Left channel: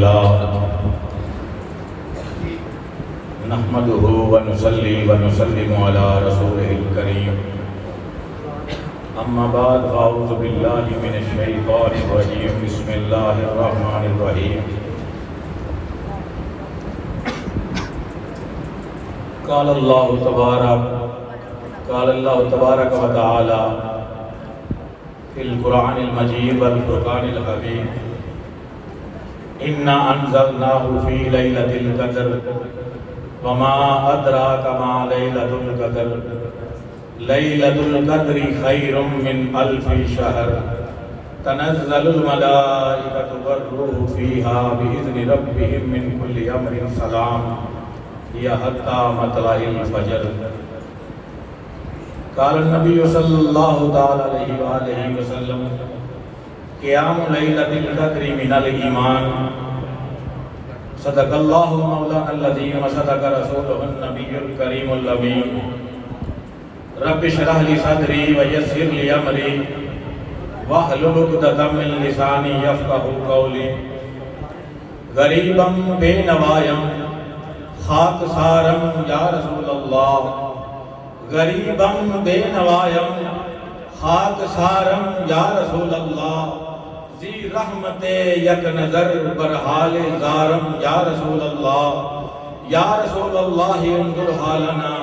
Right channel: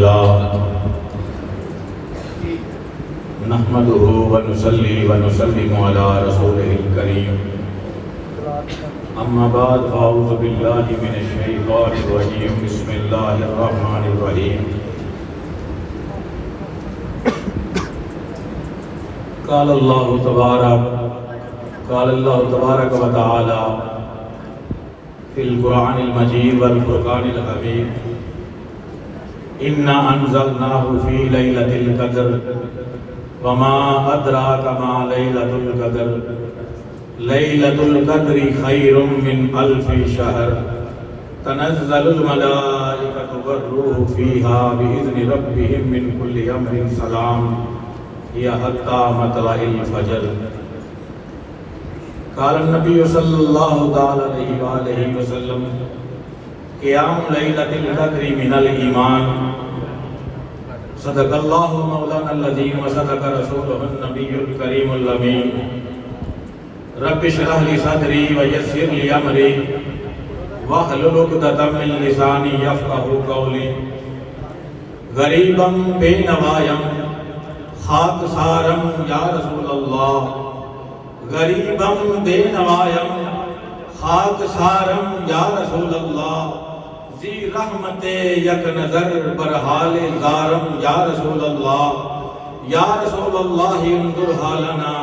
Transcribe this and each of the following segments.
لله نحمده ونصلي ونسلم على رسوله الكريم اما بعد فاعوذ بالله من الشيطان الرجيم بسم الله الرحمن الرحيم قال الله تبارك وتعالى في القرآن المجيد والفرقان الحميد إنا أنزلناه في ليلة القدر وما أدراك ما ليلة القدر ليلة القدر خير من ألف شهر تنزل الملائكة والروح فيها بإذن ربهم من كل أمر سلام هي حتى مطلع الفجر قال النبي صلى الله عليه وآله وسلم قيام ليلة القدر من الإيمان صدق الله مولانا العظيم وصدق رسوله النبي الكريم الأمين رب اشرح لي صدري ويسر لي أمري واحلل عقدة من لساني يفقهوا قولي غریبا بے نوایم خاک سارم یا رسول اللہ غریبم بے نوایم خاک سارم یا رسول اللہ زی رحمت یک نظر برحال زارم یا رسول اللہ یا رسول اللہ انظر حالنا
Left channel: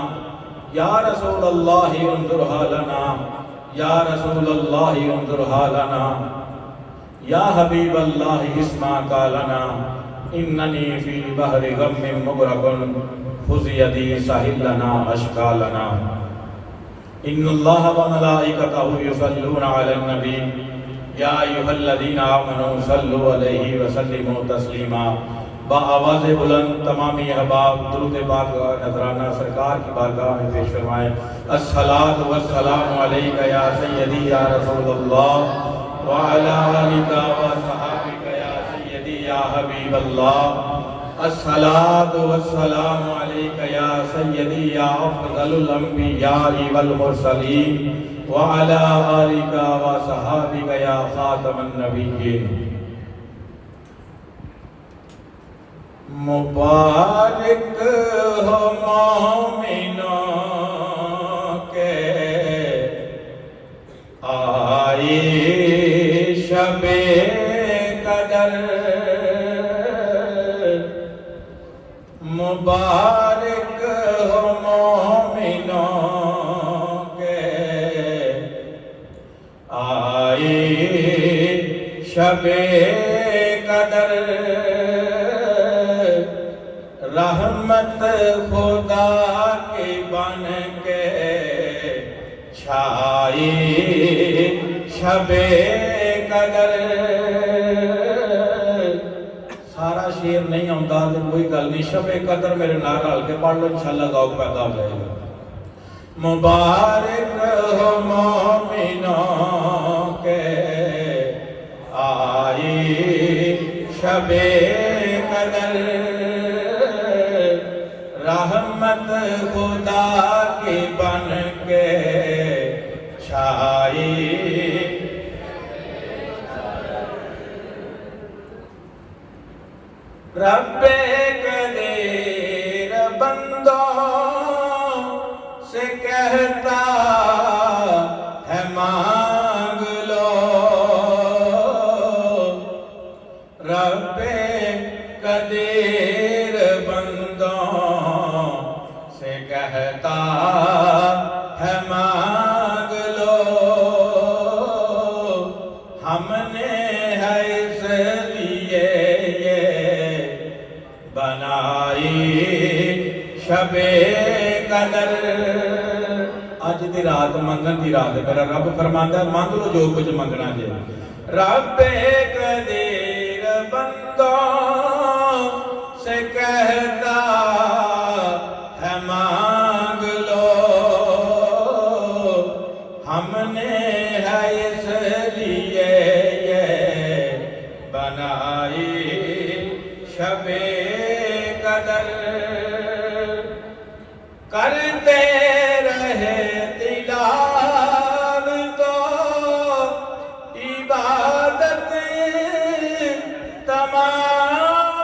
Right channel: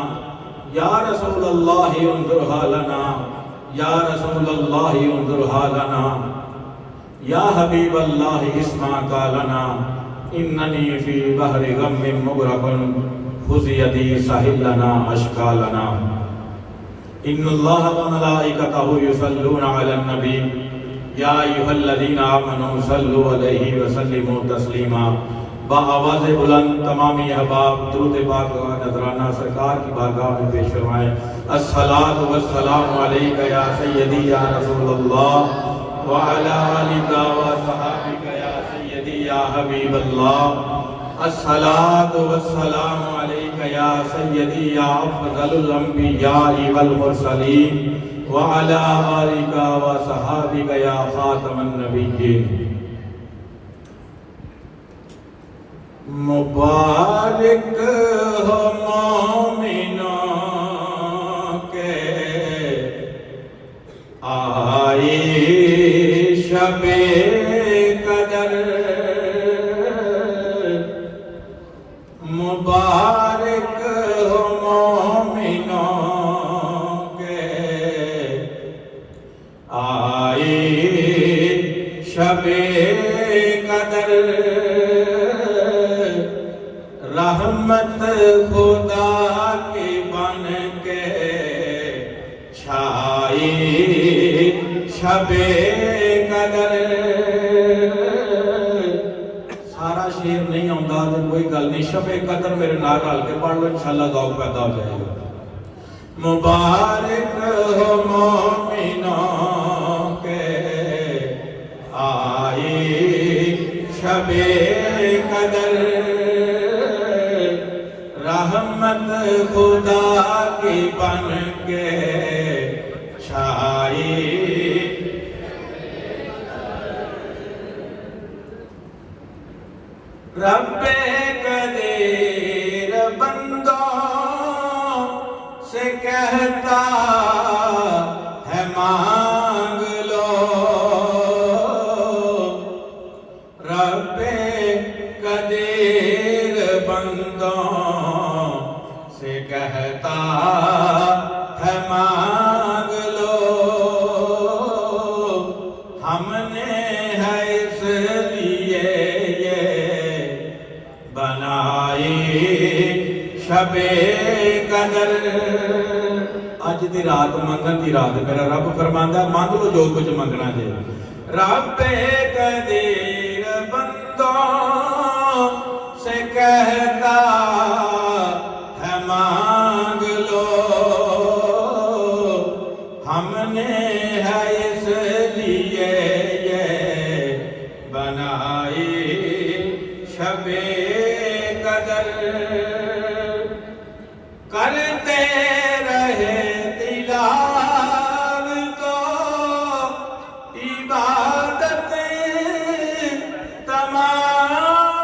یا رسول اللہ انظر حالنا یا رسول اللہ انظر حالنا یا حبیب اللہ اسمع قالنا اننی فی بحر غم مغرق خذ یدی ساحل لنا اشکالنا ان اللہ وملائکتہ یصلون علی النبی یا ایھا الذین آمنوا صلوا علیہ وسلموا تسلیما بآواز بلند تمامی احباب درود پاک اور نذرانہ سرکار کی بارگاہ میں پیش فرمائیں الصلاۃ والسلام علیک یا سیدی یا رسول اللہ وعلی آلک وصحابک یا سیدی یا حبیب اللہ الصلاۃ والسلام علیک یا سیدی یا افضل الانبیاء والمرسلین وعلی آلک وصحابک یا خاتم النبیین مبارک ہو مومنوں کے آئی شب قدر مبارک ہو مومنوں کے آئی شب قدر رحمت خدا کی بن کے چھائی شب قدر سارا شعر نہیں آتا تو کوئی گل نہیں شب قدر میرے نال رل کے پڑھ لو انشاءاللہ ذوق پیدا ہو جائے گا مبارک ہو مومنوں کے آئی شب قدر رحمت خدا کی بن کے چھائی رب قدیر بندوں سے کہتا ہے مانگ لو رب قدیر بندوں سے کہتا ہے مانگ لو ہم نے ہے اس لیے یہ بنائی شب قدر اج دی رات منگن دی رات میرا رب فرماندا ہے مانگ لو جو کچھ منگنا جے رب قدیر بندوں سے کہتا ہے مانگ لو ہم نے ہے اس لیے یہ بنائی شب قدر کرتے رہے تلاوت تو عبادت تمام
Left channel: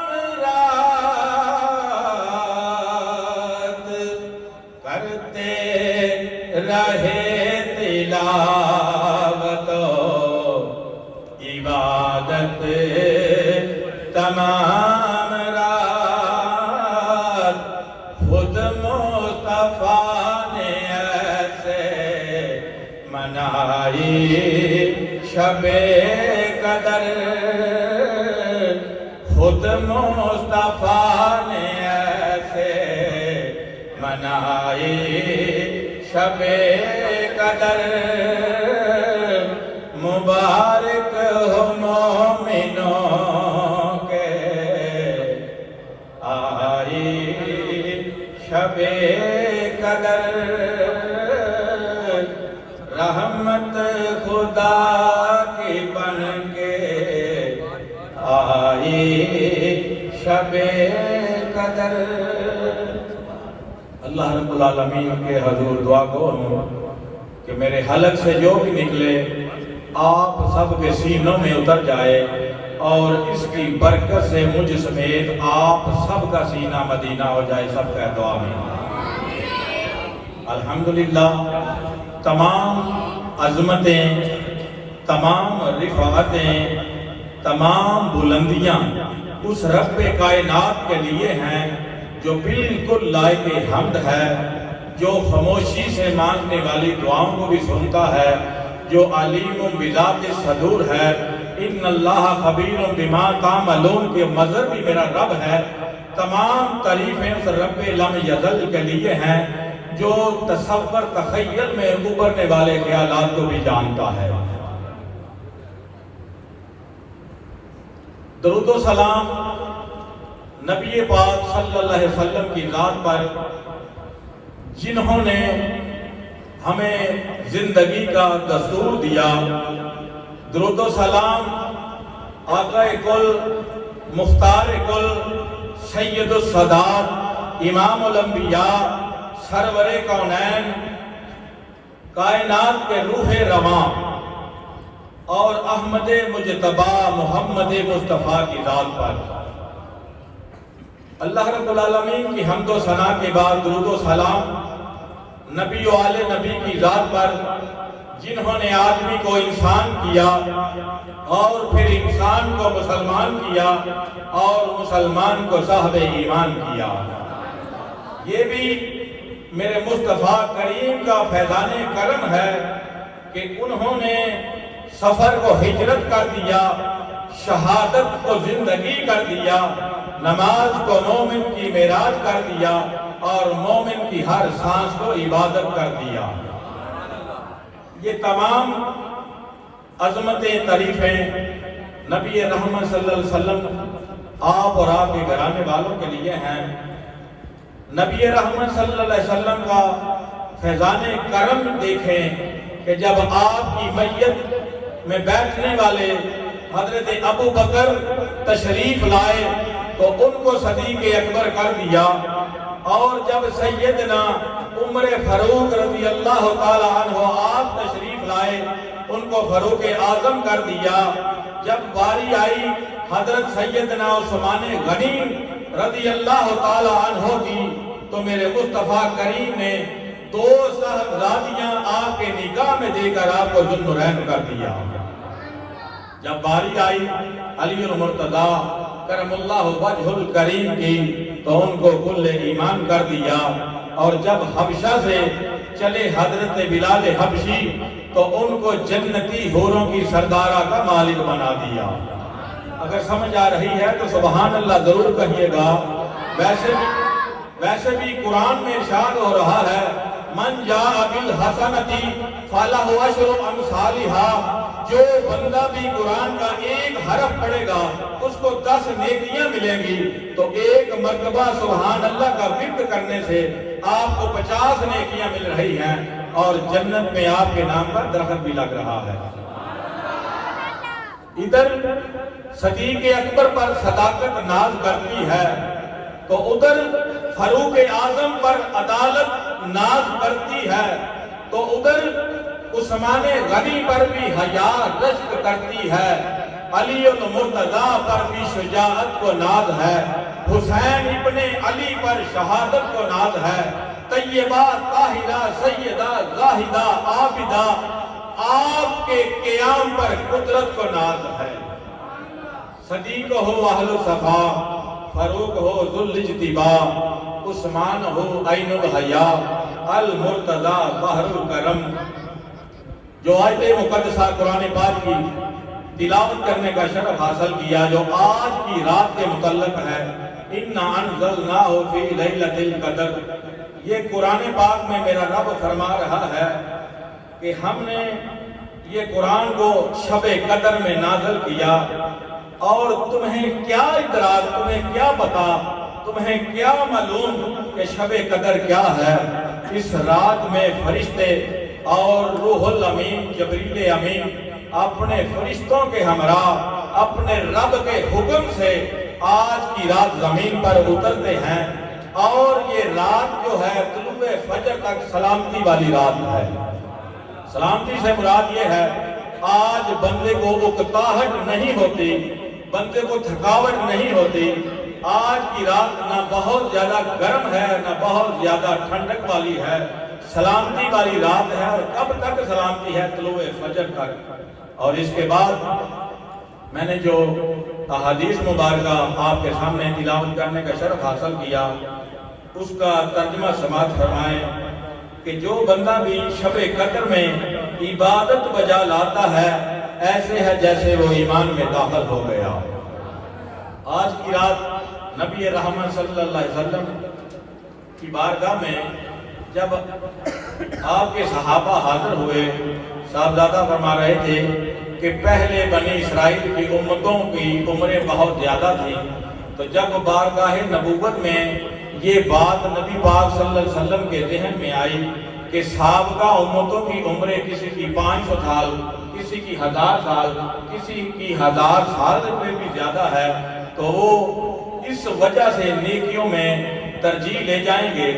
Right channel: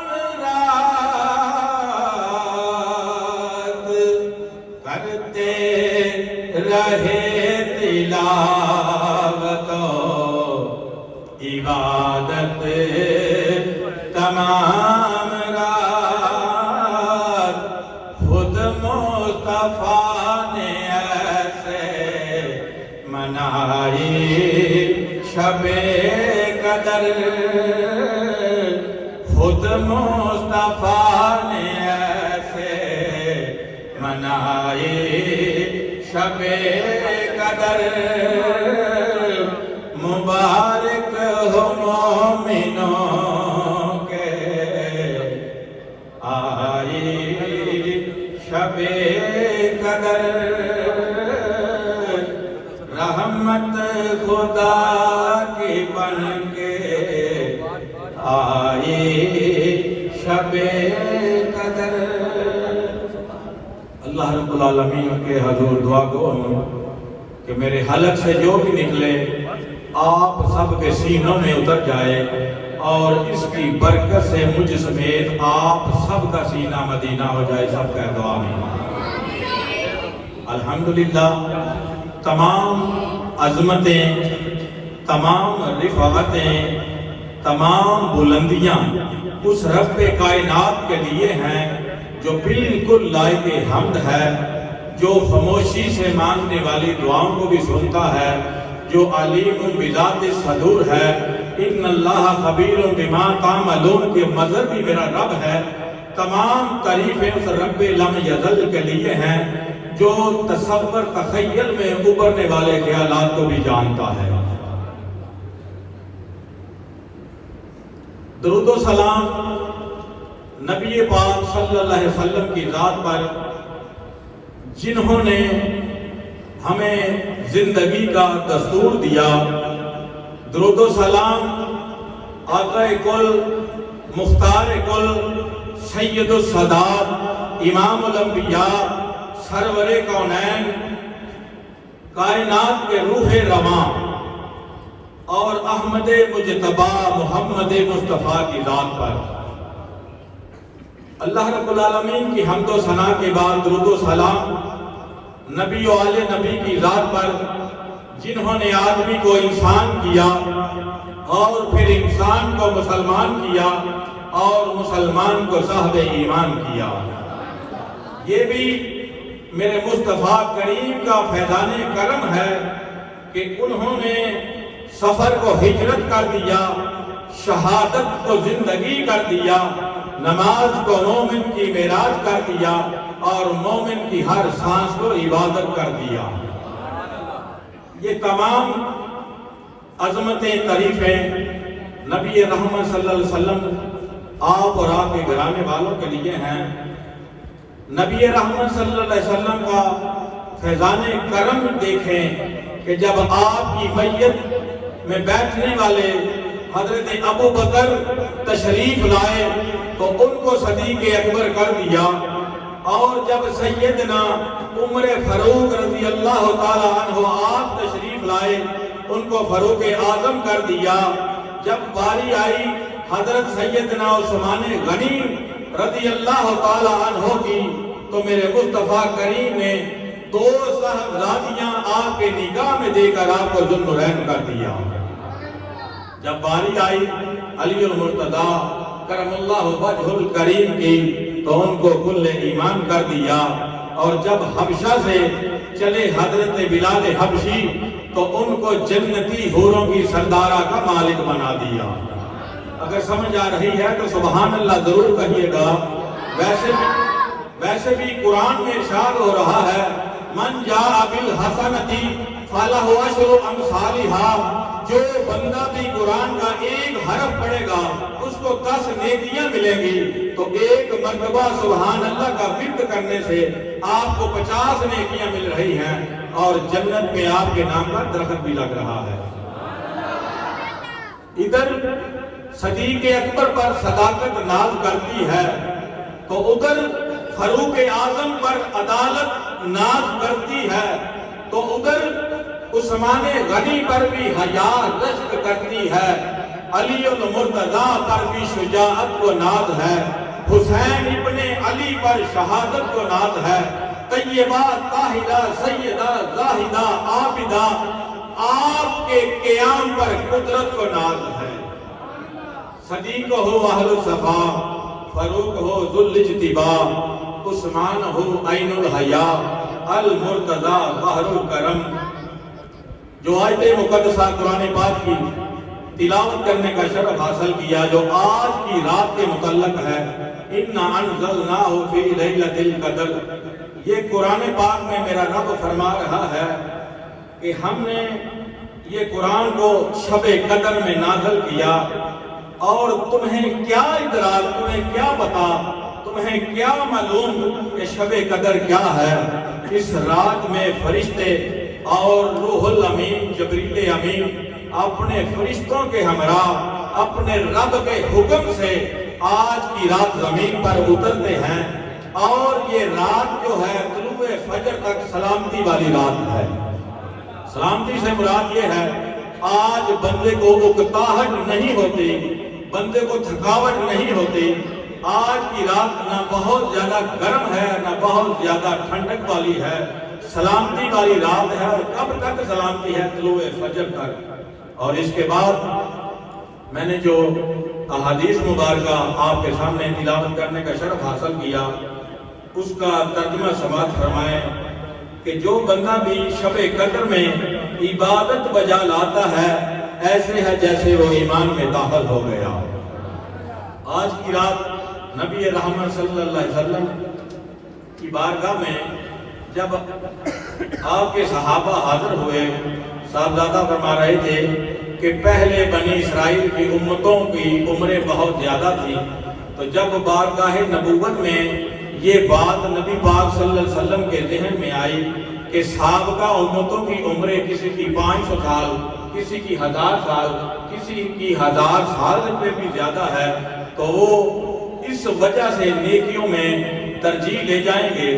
تمام رات خود مصطفیٰ نے ایسے منائی شب قدر، خود مصطفیٰ نے ایسے منائی شب قدر، مبارک ہو مومنوں کے آئی شب قدر، رحمت خدا کی بن کے آئی شب قدر۔ اللہ رب العالمین کے حضور دعا کو کہ میرے حلق سے جو بھی نکلے آپ سب کے سینوں میں اتر جائے، اور اس کی برکت سے مجھ سمیت آپ سب کا سینہ مدینہ ہو جائے، سب کا دعا میں۔ الحمدللہ تمام عظمتیں، تمام رفعتیں، تمام بلندیاں اس رب کائنات کے لیے ہیں جو بالکل لائق حمد ہے، جو خاموشی سے مانگنے والی دعاؤں کو بھی سنتا ہے، جو علیم بذات صدور ہے۔ ان اللہ خبیر بما تعملون کے مظہر بھی میرا رب ہے۔ تمام تعریفیں اس رب لم یزل کے لیے ہیں جو تصور تخیل میں ابھرنے والے خیالات کو بھی جانتا ہے۔ درود و سلام نبی پاک صلی اللہ علیہ وسلم کی ذات پر، جنہوں نے ہمیں زندگی کا دستور دیا۔ درود و سلام آقا کل، مختار کل، سید السادات، امام الانبیاء، سرور کونین، کائنات کے روح رواں اور احمد مجتبی محمد مصطفیٰ کی ذات پر۔ اللہ رب العالمین کی حمد و ثنا کے بعد درود و سلام نبی و آل نبی کی ذات پر، جنہوں نے آدمی کو انسان کیا اور پھر انسان کو مسلمان کیا اور مسلمان کو صاحب ایمان کیا۔ یہ بھی میرے مصطفیٰ کریم کا فیضان کرم ہے کہ انہوں نے سفر کو ہجرت کر دیا، شہادت کو زندگی کر دیا، نماز کو مومن کی معراج کر دیا اور مومن کی ہر سانس کو عبادت کر دیا۔ یہ تمام عظمتیں، تعریفیں نبی رحمت صلی اللہ علیہ وسلم، آپ اور آپ کے گھرانے والوں کے لیے ہیں۔ نبی رحمت صلی اللہ علیہ وسلم کا فیضان کرم دیکھیں کہ جب آپ کی میت میں بیٹھنے والے حضرت ابو بکر تشریف لائے تو ان کو صدیق اکبر کر دیا، اور جب سیدنا عمر فاروق رضی اللہ تعالی عنہ آپ تشریف لائے ان کو فاروق اعظم کر دیا۔ جب باری آئی حضرت سیدنا عثمان غنی رضی اللہ تعالی عنہ کی تو میرے مصطفیٰ کریم نے دو صاحبزادیاں آپ کے نگاہ میں دے کر آپ کو ذو النورین کر دیا۔ جب باری آئی علی المرتضیٰ کرم اللہ وجہ الکریم کی تو ان کو کل ایمان کر دیا، اور جب حبشہ سے چلے حضرت بلال حبشی تو ان کو جنتی حوروں کی سردارہ کا مالک بنا دیا۔ اگر سمجھ آ رہی ہے تو سبحان اللہ ضرور کہیے گا۔ ویسے بھی قرآن میں ارشاد ہو رہا ہے من جاء بالحسنۃ فلہ عشر امثالھا، جو بندہ بھی قرآن کا ایک حرف پڑھے گا اس کو 10 نیکیاں ملیں گی، تو ایک مرتبہ سبحان اللہ کا ورد کرنے سے آپ کو 50 نیکیاں مل رہی ہیں، اور جنت میں آپ کے نام پر درخت بھی لگ رہا ہے۔ ادھر صدیق اکبر پر صداقت ناز کرتی ہے تو ادھر فاروق اعظم پر عدالت ناز کرتی ہے، تو ادھر عثمان غنی پر بھی حیا رشک کرتی ہے، علی المرتضیٰ پر بھی شجاعت کو ناز ہے، حسین ابن علی پر شہادت کو ناز ہے، طیبہ طاہرہ سیدہ زاہدہ عابدہ آپ کے قیام پر قدرت کو ناز ہے۔ صدیق ہو اہل صفا، فاروق ہو ذل اجتبا، عثمان ہو عین الحیا، المرتضی بحر الکرم۔ جو آیت مقدسہ قرآن پاک کی تلاوت کرنے کا شرف حاصل کیا، جو آج کی رات کے متعلق ہے، اِنَّا أَنزَلْنَاهُ فِي لَيْلَةِ الْقَدْرِ، یہ قرآن پاک میں میرا رب فرما رہا ہے کہ ہم نے یہ قرآن کو شب قدر میں نازل کیا، اور تمہیں کیا ادراک، تمہیں کیا پتا، تمہیں کیا معلوم کہ شب قدر کیا ہے؟ اس رات میں فرشتے اور روح الامین جبریل امین اپنے فرشتوں کے ہمراہ اپنے رب کے حکم سے آج کی رات زمین پر اترتے ہیں، اور یہ رات جو ہے طلوع فجر تک سلامتی والی رات ہے۔ سلامتی سے مراد یہ ہے آج بندے کو اکتاہٹ نہیں ہوتی، بندے کو تھکاوٹ نہیں ہوتی۔ آج کی رات نہ بہت زیادہ گرم ہے نہ بہت زیادہ ٹھنڈک والی ہے، سلامتی والی رات ہے۔ اور کب تک سلامتی ہے؟ طلوع فجر تک۔ اور اس کے بعد میں نے جو احادیث مبارکہ آپ کے سامنے تلاوت کرنے کا شرف حاصل کیا، اس کا ترجمہ سماعت فرمائیں کہ جو بندہ بھی شب قدر میں عبادت بجا لاتا ہے، ایسے ہے جیسے وہ ایمان میں داخل ہو گیا۔ آج کی رات نبی رحمت صلی اللہ علیہ وسلم کی بارگاہ میں جب آپ کے صحابہ حاضر ہوئے، صاحبزادہ فرما رہے تھے کہ پہلے بنی اسرائیل کی امتوں کی عمریں بہت زیادہ تھیں، تو جب بارگاہ نبوت میں یہ بات نبی پاک صلی اللہ علیہ وسلم کے ذہن میں آئی کہ سابقہ امتوں کی عمریں کسی کی 500 سال، کسی کی 1000 سال، کسی کی 1000 سال سے بھی زیادہ ہے، تو وہ اس وجہ سے نیکیوں میں ترجیح لے جائیں گے۔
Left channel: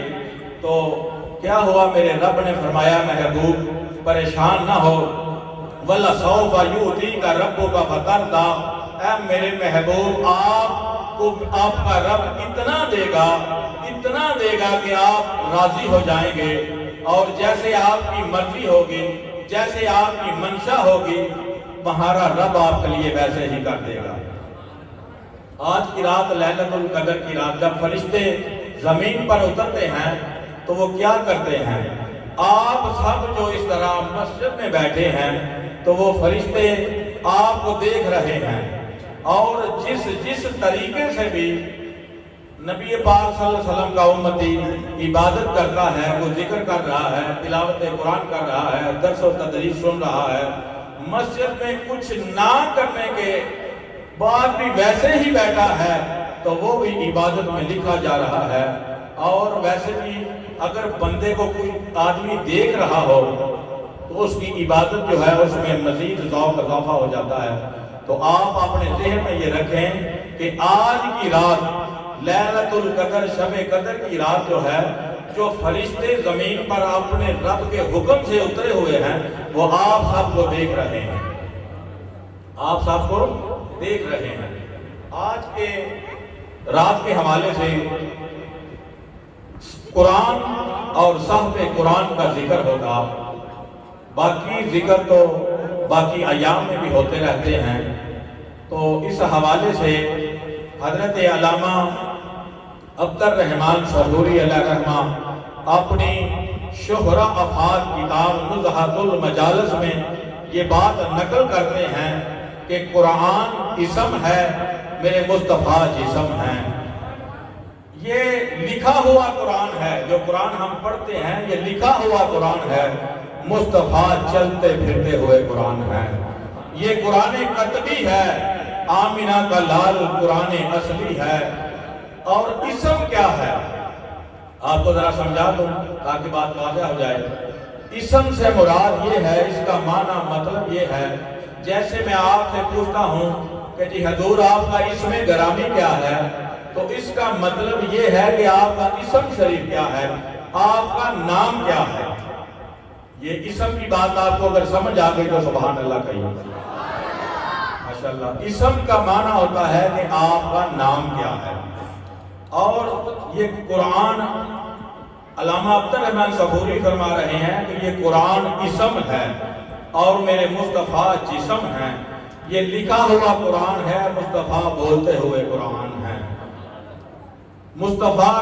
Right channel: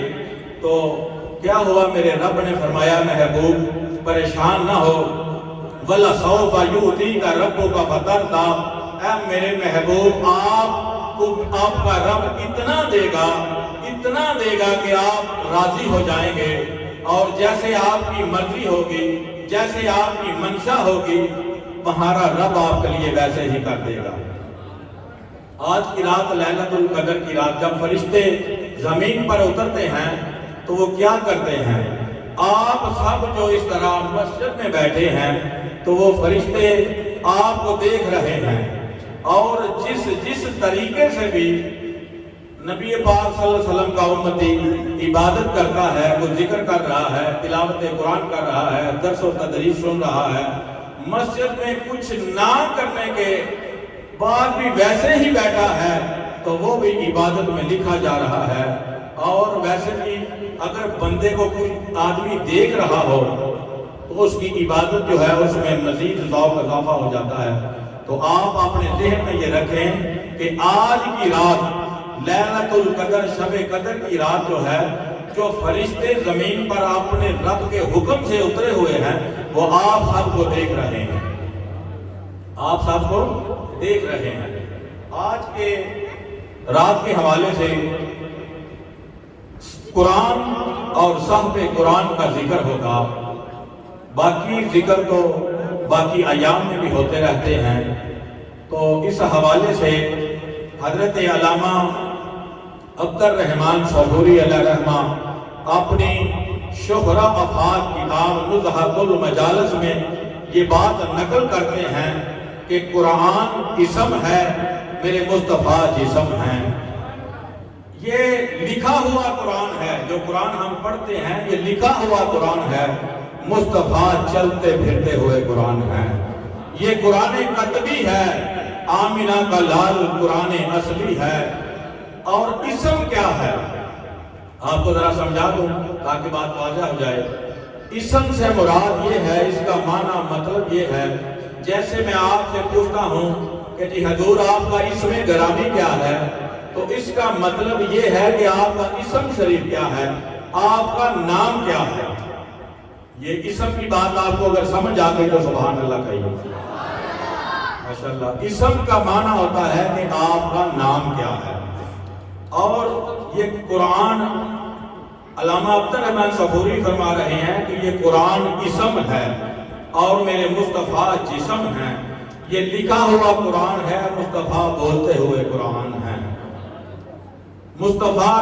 تو کیا ہوا؟ میرے رب نے فرمایا محبوب پریشان نہ ہو، وَلَسَوْفَ يُؤْتِيكَ رَبُّكَ فَتَرْضَىٰ، اے میرے محبوب آپ کا رب اتنا دے گا کہ آپ راضی ہو جائیں گے، اور جیسے آپ کی مرضی ہوگی، جیسے آپ کی منشا ہوگی، تمہارا رب آپ کے لیے ویسے ہی کر دے گا۔ آج کی رات لیلۃ القدر کی رات جب فرشتے زمین پر اترتے ہیں تو وہ کیا کرتے ہیں؟ آپ سب جو اس طرح مسجد میں بیٹھے ہیں تو وہ فرشتے آپ کو دیکھ رہے ہیں، اور جس طریقے سے بھی نبی پاک صلی اللہ علیہ وسلم کا امتی عبادت کرتا ہے، وہ ذکر کر رہا ہے، تلاوت قرآن کر رہا ہے، درس و تدریس سن رہا ہے، مسجد میں کچھ نہ کرنے کے بعد بھی ویسے ہی بیٹھا ہے، تو وہ بھی عبادت میں لکھا جا رہا ہے۔ اور ویسے بھی اگر بندے کو کوئی آدمی دیکھ رہا ہو تو اس کی عبادت جو ہے اس میں مزید ذوق اضافہ ہو جاتا ہے۔ تو آپ اپنے ذہن میں یہ رکھیں کہ آج کی رات لیلۃ القدر، شب قدر کی رات جو ہے، جو فرشتے زمین پر اپنے رب کے حکم سے اترے ہوئے ہیں، وہ آپ سب کو دیکھ رہے ہیں، آپ سب کو دیکھ رہے ہیں۔ آج کے رات کے حوالے سے قرآن اور صحب قرآن کا ذکر ہوگا، باقی ذکر تو باقی ایام میں بھی ہوتے رہتے ہیں۔ تو اس حوالے سے حضرت علامہ عبدالرحمن صبوری علیہ رحمہ اپنی شہرہ افاد کتاب نزہۃ المجالس میں یہ بات نقل کرتے ہیں کہ قرآن اسم ہے، میرے مصطفیٰ جسم ہیں۔ یہ لکھا ہوا قرآن ہے، جو قرآن ہم پڑھتے ہیں یہ لکھا ہوا قرآن ہے، مصطفیٰ چلتے پھرتے ہوئے قرآن ہے۔ یہ قرآن قطبی ہے، آمنہ کا لال قرآن اصلی ہے۔ اور اسم کیا ہے؟ آپ کو ذرا سمجھا دوں تاکہ بات واضح ہو جائے۔ اسم سے مراد یہ ہے، اس کا معنی مطلب یہ ہے، جیسے میں آپ سے پوچھتا ہوں کہ جی حضور آپ کا اسم گرامی کیا ہے، تو اس کا مطلب یہ ہے کہ آپ کا اسم شریف کیا ہے، آپ کا نام کیا ہے۔ یہ اسم کی بات آپ کو اگر سمجھ آ گئی تو سبحان اللہ کہیے، ماشاءاللہ۔ اسم کا معنی ہوتا ہے کہ آپ کا نام کیا ہے۔ اور یہ قرآن علامہ عبدالرحمن صبوری فرما رہے ہیں کہ یہ قرآن اسم ہے اور میرے مصطفیٰ جسم ہیں۔ یہ لکھا ہوا قرآن ہے، مصطفیٰ بولتے ہوئے قرآن ہے۔ مصطفیٰ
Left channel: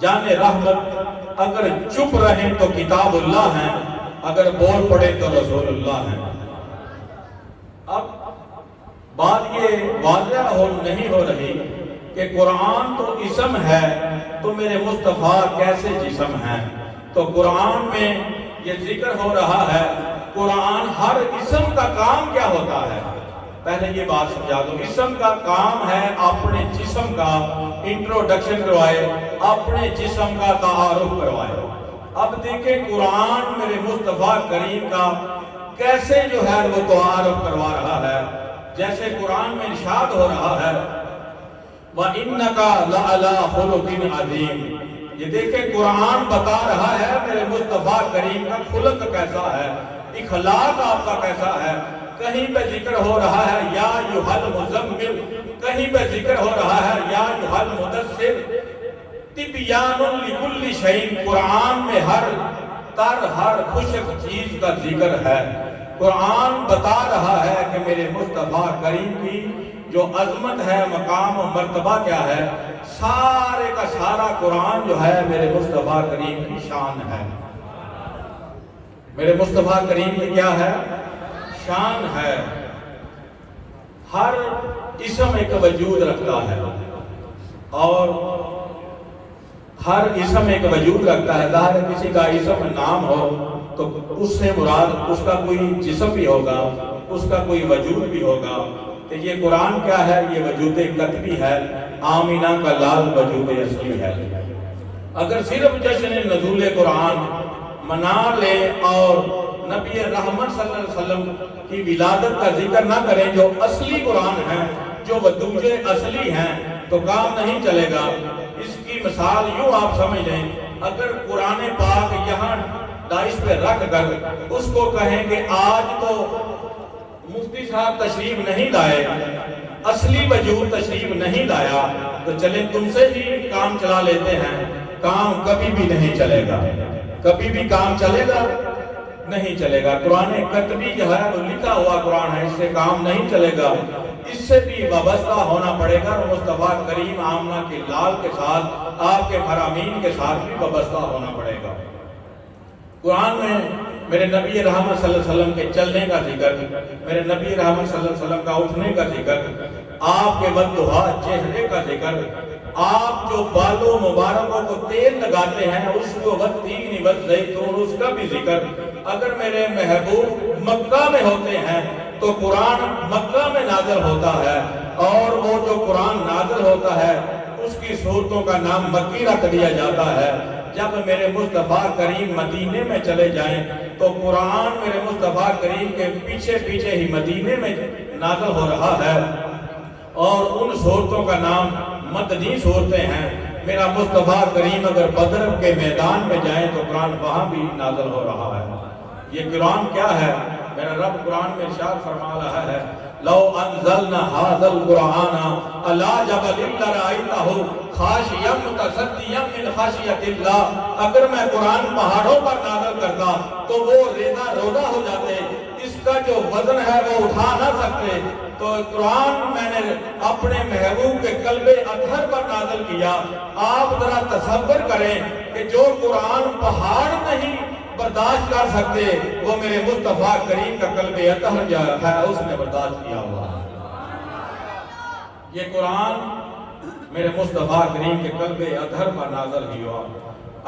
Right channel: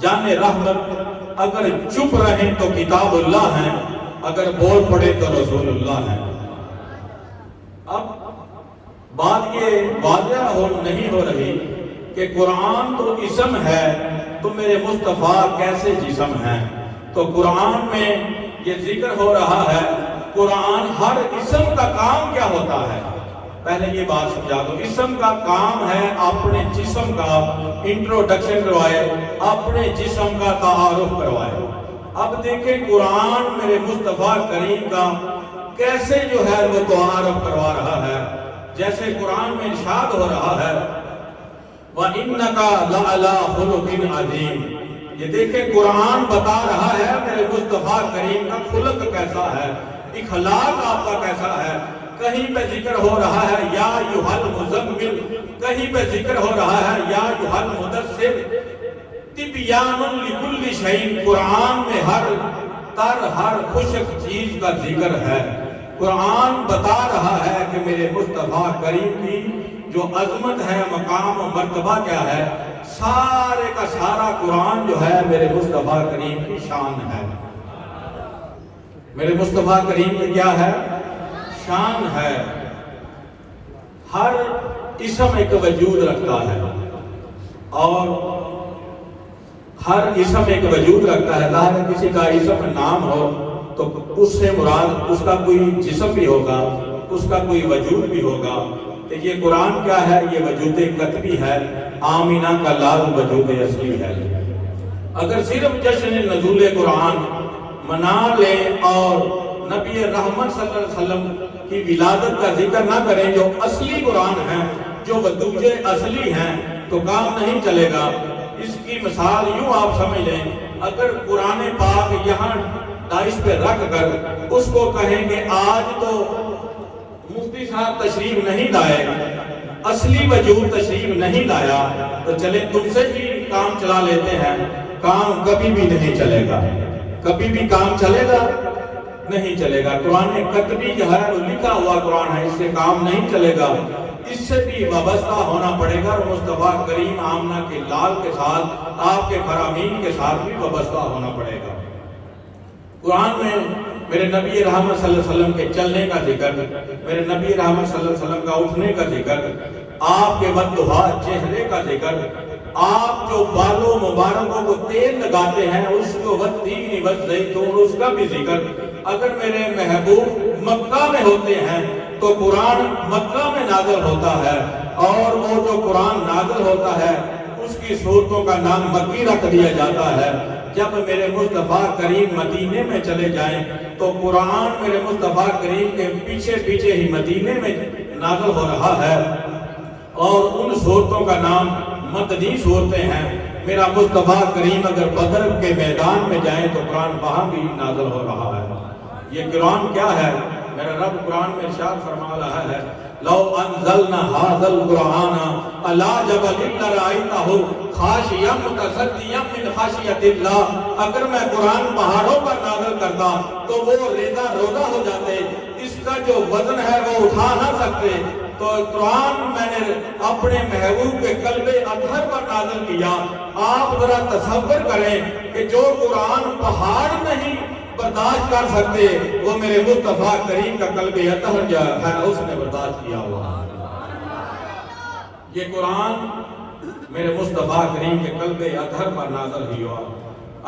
جان رحمت اگر چپ رہیں تو کتاب اللہ ہے، اگر بول پڑے تو رسول اللہ ہے۔ اب بات یہ واضح نہیں ہو رہی کہ قرآن تو اسم ہے تو میرے مصطفیٰ کیسے جسم ہیں؟ تو قرآن میں یہ ذکر ہو رہا ہے، قرآن ہر اسم کا کام کیا ہوتا ہے؟ پہلے یہ بات سمجھا دو، اسم کا کام ہے اپنے جسم کا انٹروڈکشن کروائے، اپنے جسم کا تعارف کروائے۔ اب دیکھیں قرآن میرے مصطفیٰ کریم کا کیسے جو ہے وہ تعارف کروا رہا ہے۔ جیسے قرآن میں ارشاد ہو رہا ہے وَإِنَّكَ لَعَلَىٰ خُلُقٍ عَظِيمٍ، یہ دیکھیں قرآن بتا رہا ہے میرے مصطفیٰ کریم کا خلق کیسا ہے، اخلاق آپ کا کیسا ہے۔ کہیں پہ ذکر ہو رہا ہے یا ایھا المزمل، کہیں پہ ذکر ہو رہا ہے یا ایھا المدثر، تبیان لکل شیء، قرآن میں ہر تر ہر خشک چیز کا ذکر ہے۔ قرآن بتا رہا ہے کہ میرے مصطفیٰ کریم کی جو عظمت ہے، مقام و مرتبہ کیا ہے، سارے کا سارا قرآن جو ہے میرے مصطفیٰ کریم کی شان ہے۔ میرے مصطفیٰ کریم کی کیا ہے؟ شان ہے۔ ہر اسم ایک وجود رکھتا ہے، اور ہر اسم ایک وجود رکھتا ہے۔ ظاہر کسی کا اسم نام ہو تو اس سے مراد اس کا کوئی جسم بھی ہوگا، اس کا کوئی وجود بھی ہوگا۔ تو یہ قرآن کیا ہے؟ یہ وجود قطبی ہے، آمینہ کا لال وجود اصلی ہے۔ اگر صرف جشن نزول قرآن منا لے اور نبی رحمت صلی اللہ علیہ وسلم کی ولادت کا ذکر نہ کریں جو اصلی قرآن ہے، جو وجود اصلی ہیں، تو کام نہیں چلے گا۔ اس کی مثال یوں آپ سمجھ لیں، اگر قرآن پاک یہاں داعش پہ رکھ کر اس کو کہیں کہ آج تو مفتی صاحب تشریف نہیں لائے، اصلی وجود تشریف نہیں لایا، تو چلیں تم سے ہی کام چلا لیتے ہیں، کام کبھی بھی نہیں چلے گا۔ کبھی بھی کام چلے گا نہیں چلے گا۔ قرآن قطبی جو ہے وہ لکھا ہوا قرآن ہے، اس سے کام نہیں چلے گا، اس سے بھی وابستہ ہونا پڑے گا، اور مصطفیٰ کریم آمنہ کے لال کے ساتھ، آپ کے فرامین کے ساتھ بھی وابستہ ہونا پڑے گا۔ قرآن میں میرے نبی رحمت صلی اللہ علیہ وسلم کے چلنے کا ذکر، میرے نبی رحمت صلی اللہ علیہ وسلم کا اٹھنے کا ذکر، آپ کے بددعا چہرے کا ذکر، آپ جو بالوں مبارکوں کو تیل لگاتے ہیں اس کو والتین والزیتون، اس کا بھی ذکر۔ اگر میرے محبوب مکہ میں ہوتے ہیں تو قرآن مکہ میں نازل ہوتا ہے، اور وہ جو قرآن نازل ہوتا ہے اس کی صورتوں کا نام مکی رکھ دیا جاتا ہے۔ جب میرے مصطفیٰ کریم مدینے میں چلے جائیں تو قرآن میرے مصطفیٰ کریم کے پیچھے پیچھے ہی مدینے میں نازل ہو رہا ہے، اور ان صورتوں کا نام مدنی صورتیں ہیں۔ میرا مصطفیٰ کریم اگر بدر کے میدان میں جائیں تو قرآن وہاں بھی نازل ہو رہا ہے۔ یہ قرآن کیا ہے؟ میرا رب قرآن میں ارشاد فرما رہا ہے لو انزلنا هذا القرآن على جبل لرأيته خاشعا متصدعا من خشیۃ اللہ، اگر میں قرآن پہاڑوں پر نازل کرتا تو وہ ریزہ روزہ ہو جاتے، اس کا جو وزن ہے وہ اٹھا نہ سکتے۔ تو قرآن میں نے اپنے محبوب کے قلب اطہر پر نازل کیا۔ آپ ذرا تصور کریں کہ جو قرآن پہاڑ نہیں برداشت کر سکتے، وہ میرے مصطفیٰ کریم کا قلب اطہر جو ہے اس نے برداشت کیا ہوا۔ یہ قرآن میرے مصطفیٰ کریم کے قلب اطہر پر نازل ہوا۔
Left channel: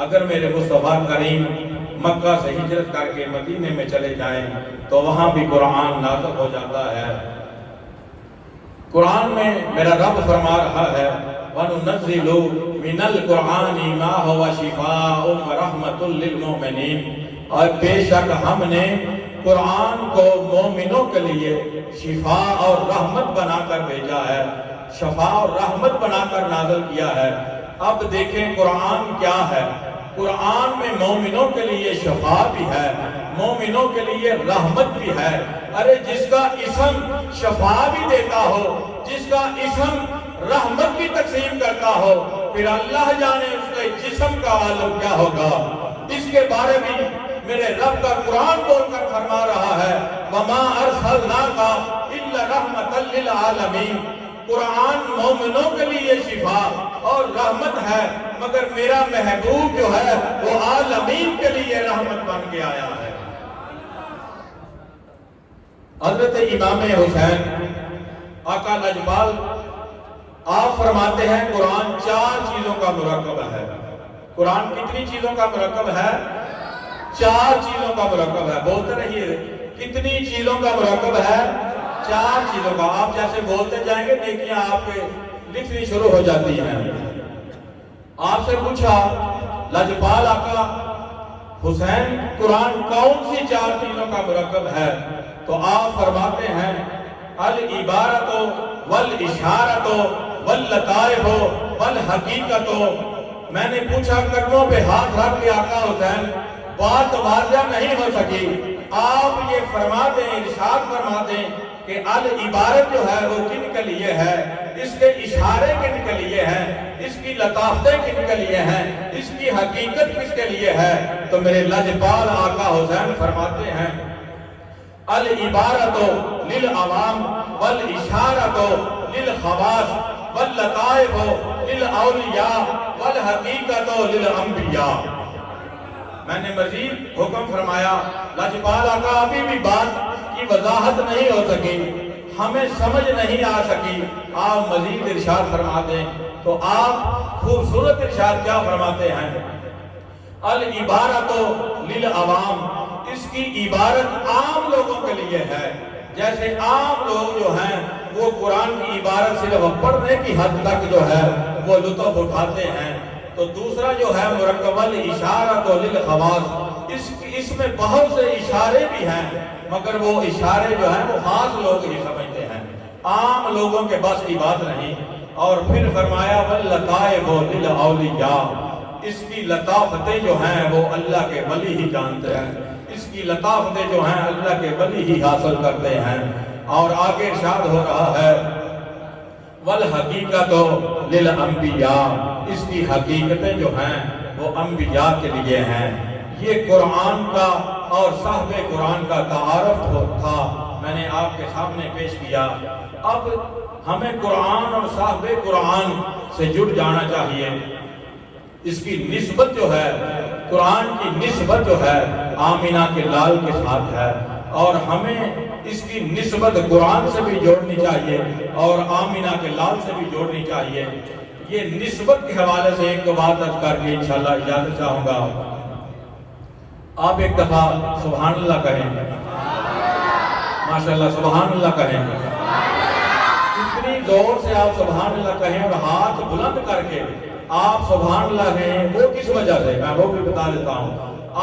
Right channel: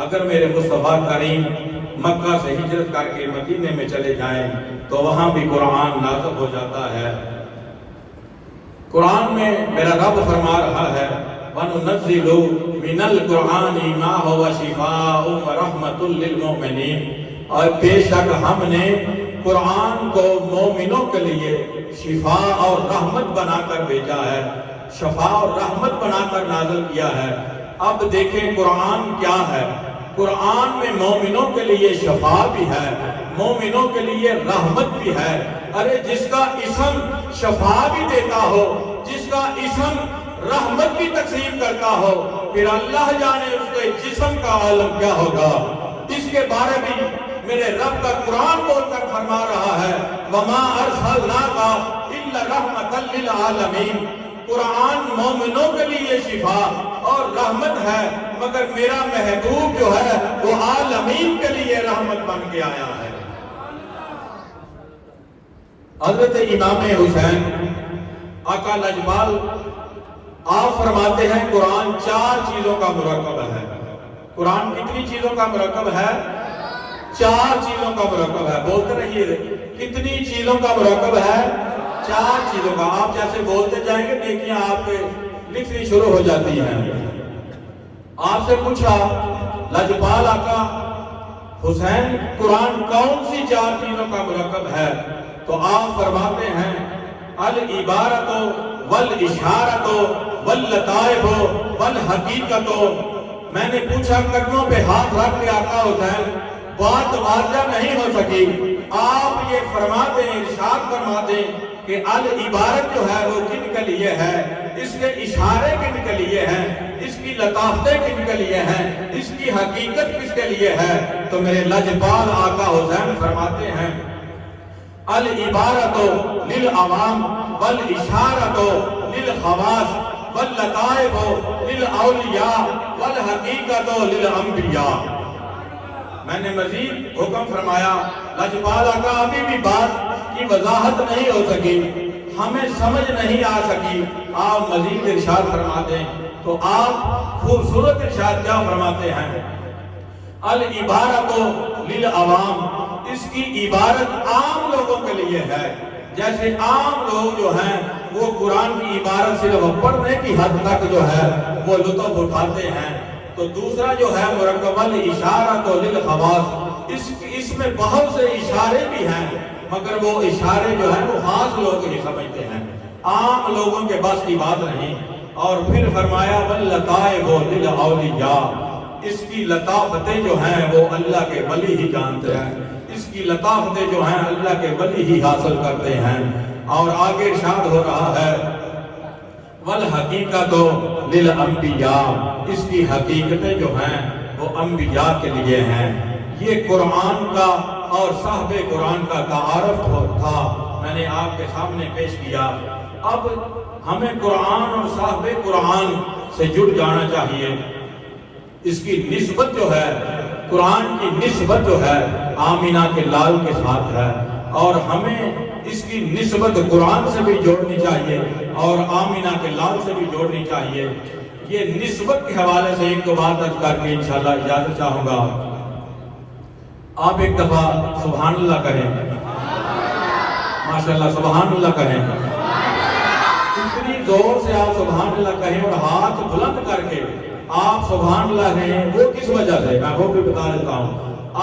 اگر میرے مصطفیٰ کریم مکہ سے ہجرت کر کے مدینے میں چلے جائیں تو وہاں بھی قرآن نازل ہو جاتا ہے۔ قرآن میں میرا رب فرما رہا ہے وَنُنَزِّلُ مِنَ الْقُرْآنِ مَا هُوَ شِفَاءٌ وَرَحْمَةٌ لِّلْمُؤْمِنِينَ، اور بے شک ہم نے قرآن کو مومنوں کے لیے شفا اور رحمت بنا کر بھیجا ہے، شفا اور رحمت بنا کر نازل کیا ہے۔ اب دیکھیں قرآن کیا ہے؟ قرآن میں مومنوں کے لیے شفا بھی ہے، مومنوں کے لیے رحمت بھی ہے۔ ارے جس کا اسم شفا بھی دیتا ہو، جس کا اسم رحمت بھی تقسیم کرتا ہو، پھر اللہ جانے اس کے جسم کا عالم کیا ہوگا۔ اس کے بارے میں میرے رب کا قرآن بول کر فرما رہا ہے وَمَا أَرْسَلْنَاكَ الا رحمۃ للعالمین، قرآن مومنوں کے لیے شفا اور رحمت ہے، مگر میرا محبوب جو ہے وہ عالمین کے لیے رحمت بن کے آیا ہے۔ حضرت امام حسین آقا لجپال آپ فرماتے ہیں قرآن 4 چیزوں کا مرکب ہے۔ قرآن کتنی چیزوں کا مرکب ہے؟ 4 چیزوں کا مرکب ہے۔ بولتے رہیے، کتنی چیزوں کا مرکب ہے؟ 4 چیزوں کا۔ آپ جیسے بولتے جائیں گے نیکیاں آپ کے لکھنی شروع ہو جاتی ہیں۔ آپ سے پوچھا لجپال آقا حسین قرآن کون سی 4 چیزوں کا مرکب ہے؟ تو آپ فرماتے ہیں العبارت والاشارت واللطائف والحقیقت۔ میں نے پوچھا قدموں پہ ہاتھ رکھ کے آقا حسین بات واضح نہیں ہو سکی، آپ یہ فرماتے ہیں، ارشاد فرماتے ہیں کہ العبارت جو ہے وہ کن کے لیے ہے، اس کے اشارے کن کے لیے ہیں، اس کی لطافتیں کن کے لیے ہیں، اس کی حقیقت کس کے لیے ہے؟ تو میرے لجپال آقا حسین فرماتے ہیں العبارت للعوام والاشارت للخواص واللطائف للاولیاء والحقیقت للانبیاء۔ میں نے مزید حکم فرمایا لجپال آقا ابھی بھی بات کی وضاحت نہیں ہو سکی، ہمیں سمجھ نہیں آ سکی، آپ مزید ارشاد فرما دیں۔ تو آپ خوبصورت ارشاد کیا فرماتے ہیں؟ العبارت للعوام، اس کی عبارت عام لوگوں کے لیے ہے۔ جیسے عام لوگ جو ہیں وہ قرآن کی عبارت صرف پڑھنے کی حد تک جو ہے وہ لطف اٹھاتے ہیں۔ تو دوسرا جو ہے مرکب الاشارۃ للخواص، اس میں بہت سے اشارے بھی ہیں، مگر وہ اشارے جو ہیں وہ خاص لوگ ہی سمجھتے ہیں، عام لوگوں کے بس کی بات نہیں۔ اور پھر فرمایا واللطائف للاولیاء، اس کی لطافتیں جو ہیں وہ اللہ کے ولی ہی جانتے ہیں، اس کی لطافتیں جو ہیں اللہ کے ولی ہی حاصل کرتے ہیں۔ اور آگے ارشاد ہو رہا ہے والحقیقت للانبیاء، اس کی حقیقتیں جو ہیں وہ انبیاء کے لیے ہیں۔ یہ قرآن کا اور صاحب قرآن کا تعارف تھا، میں نے آپ کے سامنے پیش کیا۔ اب ہمیں قرآن اور صاحب قرآن سے جڑ جانا چاہیے۔ اس کی نسبت جو ہے، قرآن کی نسبت جو ہے آمینہ کے لال کے ساتھ ہے، اور ہمیں اس کی نسبت قرآن سے بھی جوڑنی چاہیے اور آمینہ کے لال سے بھی جوڑنی چاہیے۔ یہ نسبت کے حوالے سے ایک دو بات عرض کر کے انشاءاللہ اجازت چاہوں گا۔ آپ ایک دفعہ سبحان اللہ کہیں، ماشاءاللہ سبحان اللہ کہیں، اتنی زور سے آپ سبحان اللہ کہیں اور ہاتھ بلند کر کے آپ سبحان اللہ کہیں، وہ کس وجہ سے میں وہ بھی بتا دیتا ہوں۔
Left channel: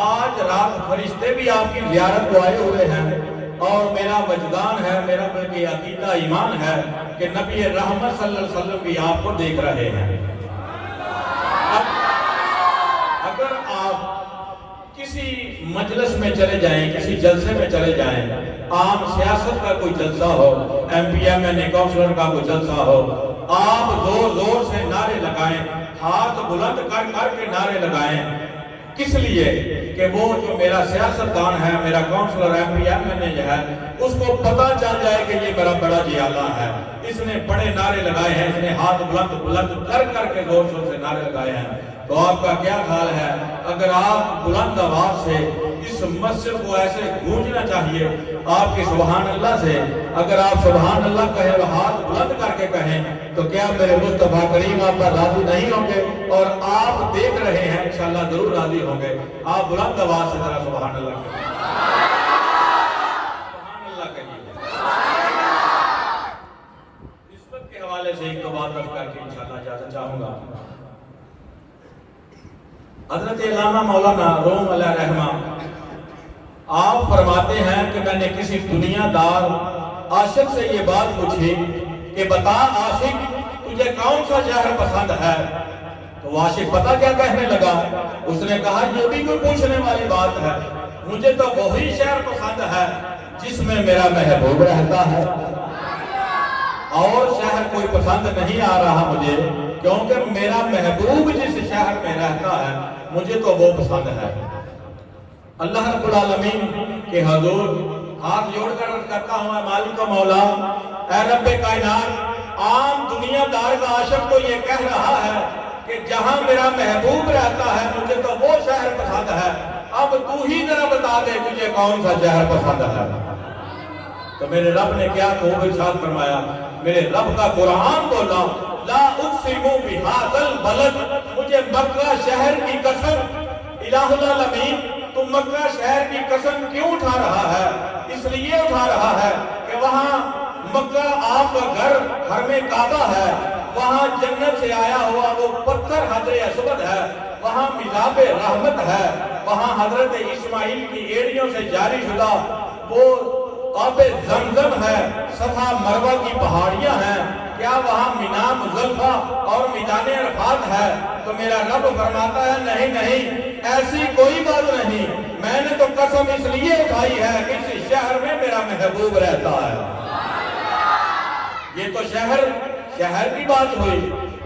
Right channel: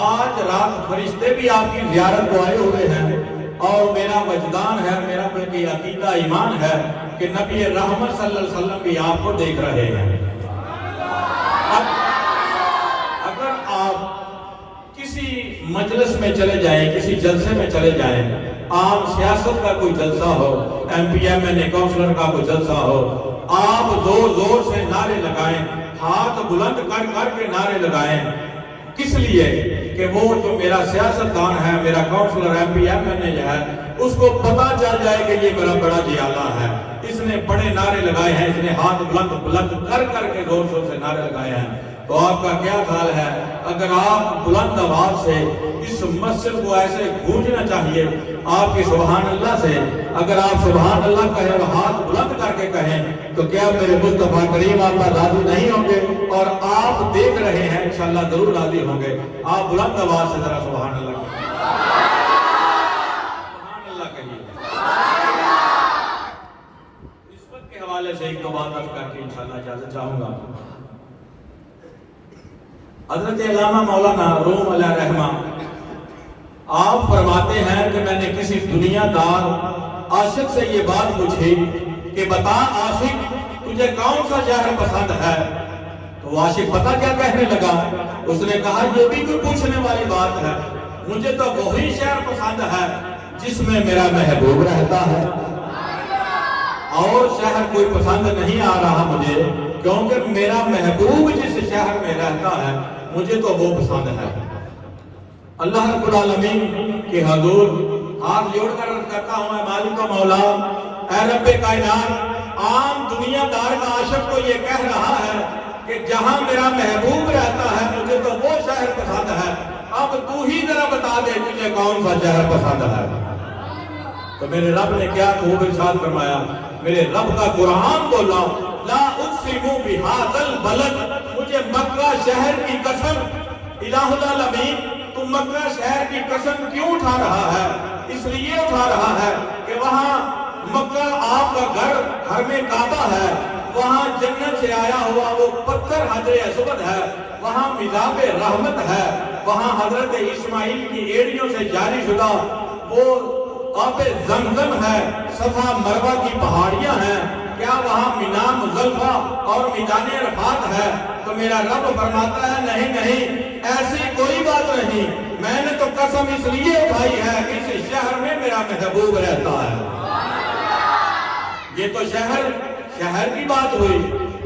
آج رات فرشتے بھی آپ کی زیارت کو آئے ہوئے ہیں، اور میرا وجدان ہے، میرا عقیدہ ایمان ہے کہ نبی رحمت صلی اللہ علیہ وسلم بھی آپ کو دیکھ رہے ہیں۔ اگر آپ کسی مجلس میں چلے جائیں، کسی جلسے میں چلے جائیں، عام سیاست کا کوئی جلسہ ہو، ایم پی ایم این اے کونسلر کا کوئی جلسہ ہو، آپ زور زور سے نعرے لگائیں، ہاتھ بلند کر کر کے نعرے لگائیں، کس لیے کہ وہ جو میرا سیاستدان ہے، میرا councillor M P M N A ہے، اس کو پتا چل جائے کہ یہ میرا بڑا جیالہ ہے، اس نے بڑے نعرے لگائے ہیں، اس نے ہاتھ بلند کر کر کے زور زور سے نعرے لگائے ہیں۔ تو آپ کا کیا خیال ہے اگر آپ بلند آواز سے اس مسجد کو ایسے گونجنا چاہیے آپ کی سبحان اللہ سے، اگر آپ سبحان اللہ کہیں اور ہاتھ بلند کر کے کہیں تو کیا میرے مصطفیٰ کریم آپ پر راضی نہیں ہوں گے؟ اور آپ دیکھ رہے ہیں، انشاءاللہ ضرور راضی ہوں گے۔ آپ بلند آواز سے ذرا سبحان اللہ کہیں، سبحان اللہ کہیے۔ نسبت کے حوالے سے ایک دو بات کر کے انشاءاللہ اجازت چاہوں گا۔ حضرت علامہ مولانا روم علیہ رحمہ آپ فرماتے ہیں کہ میں نے کسی دنیا دار عاشق سے یہ بات پوچھی کہ بتا عاشق تجھے کون سا شہر پسند ہے؟ تو وہ عاشق پتہ کیا کہنے لگا؟ اس نے کہا یہ بھی کوئی پوچھنے والی بات ہے، مجھے تو وہی شہر پسند ہے جس میں میرا محبوب رہتا ہے، اور شہر کوئی پسند نہیں آ رہا مجھے، کیونکہ میرا محبوب جس شہر میں رہتا ہے مجھے تو وہ پسند ہے۔ اللہ رب العالمین کے حضور ہاتھ جوڑ کر عرض کرتا ہوں میں مالک و مولا اے رب کائنات، عام دنیا دار کا عاشق تو یہ کہہ رہا ہے کہ جہاں میرا محبوب رہتا ہے مجھے تو وہ شہر پسند ہے، اب تو ہی ذرا بتا دے تجھے کون سا شہر پسند ہے۔ تو میرے رب نے کیا خوب ارشاد فرمایا، میرے رب کا قرآن بولا، لا اقسم بہذا البلد، مجھے مکہ شہر کی قسم، الہ العالمین تو مکہ شہر کی قسم کیوں اٹھا رہا ہے؟ اس لیے اٹھا رہا ہے کہ وہاں مکہ آپ کا گھر حرم کعبہ ہے، وہاں جنت سے آیا ہوا وہ پتھر حجر اسود ہے، وہاں مذاب رحمت ہے، وہاں حضرت اسماعیل کی ایڑیوں سے جاری شدہ وہ آب زمزم ہے، صفا مروہ کی پہاڑیاں ہیں، کیا وہاں مینا مزدلفہ اور میدان عرفات ہے؟ تو میرا رب فرماتا ہے نہیں نہیں، ایسی کوئی بات نہیں، میں نے تو قسم اس لیے اٹھائی ہے کہ اس شہر میں میرا محبوب رہتا ہے۔ یہ تو شہر کی بات ہوئی۔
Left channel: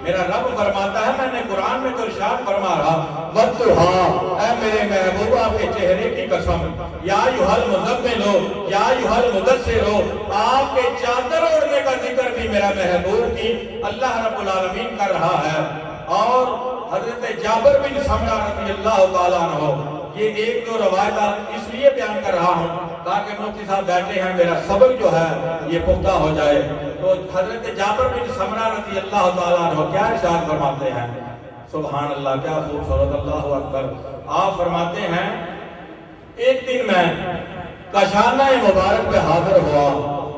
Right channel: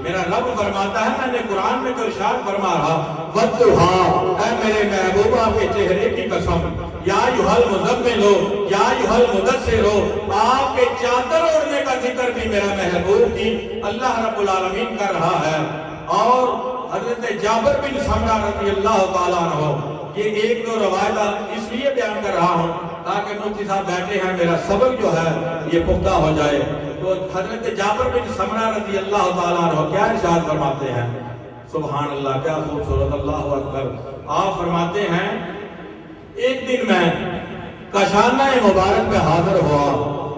میرا رب فرماتا ہے میں نے قرآن میں تو ارشاد فرما رہا، وَالضُّحَىٰ، اے میرے محبوبہ کے چہرے کی قسم، یا ایھا المزمل ہو یا ایھا المدثر ہو، آپ کے چادر اوڑھنے کا ذکر بھی میرا محبوب کی اللہ رب العالمین کر رہا ہے۔ اور حضرت جابر بن سمرہ رضی اللہ تعالیٰ عنہ، یہ ایک دو روایات اس لیے بیان کر رہا ہوں تاکہ مفتی صاحب بیٹھے ہیں میرا سبق جو ہے یہ پختہ ہو جائے۔ تو حضرت جابر بن سمرہ رضی اللہ تعالیٰ عنہ کیا ارشاد فرماتے ہیں؟ سبحان اللہ، کیا خوبصورت، اللہ اکبر۔ آپ فرماتے ہیں ایک دن میں کاشانہ مبارک پہ حاضر ہوا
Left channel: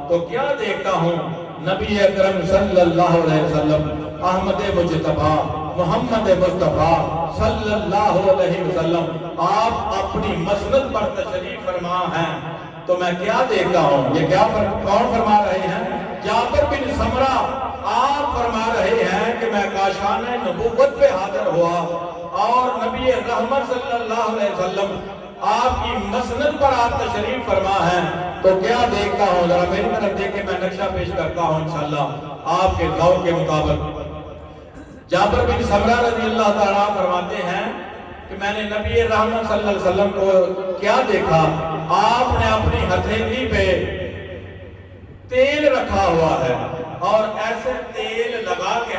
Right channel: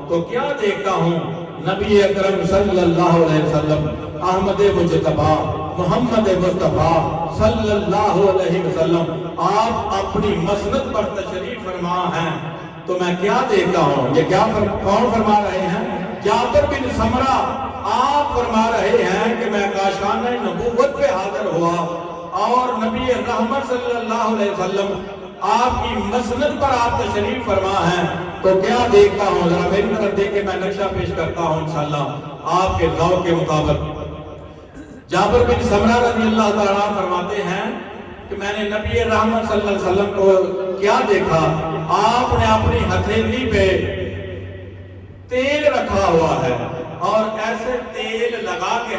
تو کیا دیکھتا ہوں، نبی اکرم صلی اللہ علیہ وسلم، احمد مجتبیٰ محمد مصطفیٰ صلی اللہ علیہ وسلم آپ اپنی مسند پر تشریف فرما ہیں۔ تو میں کیا دیکھتا ہوں، یہ کیا کون فرما رہے ہیں؟ جابر بن سمرہ آپ فرما رہے ہیں کہ میں کاشانہ نبوت پہ حاضر ہوا اور نبی رحمت صلی اللہ علیہ وسلم آپ کی مسند پر آپ تشریف فرما ہیں۔ تو کیا دیکھتا ہوں، ذرا میری طرف دیکھ کے میں نقشہ پیش کرتا ہوں انشاءاللہ آپ کے ذوق کے مطابق۔ جابر بن سمرہ رضی اللہ تعالیٰ فرماتے ہیں کہ میں نے نبی رحمت صلی اللہ علیہ وسلم کو کیا دیکھا، آپ نے اپنی ہتھیلی پہ تیل رکھا ہوا ہے اور ایسے تیل لگا کے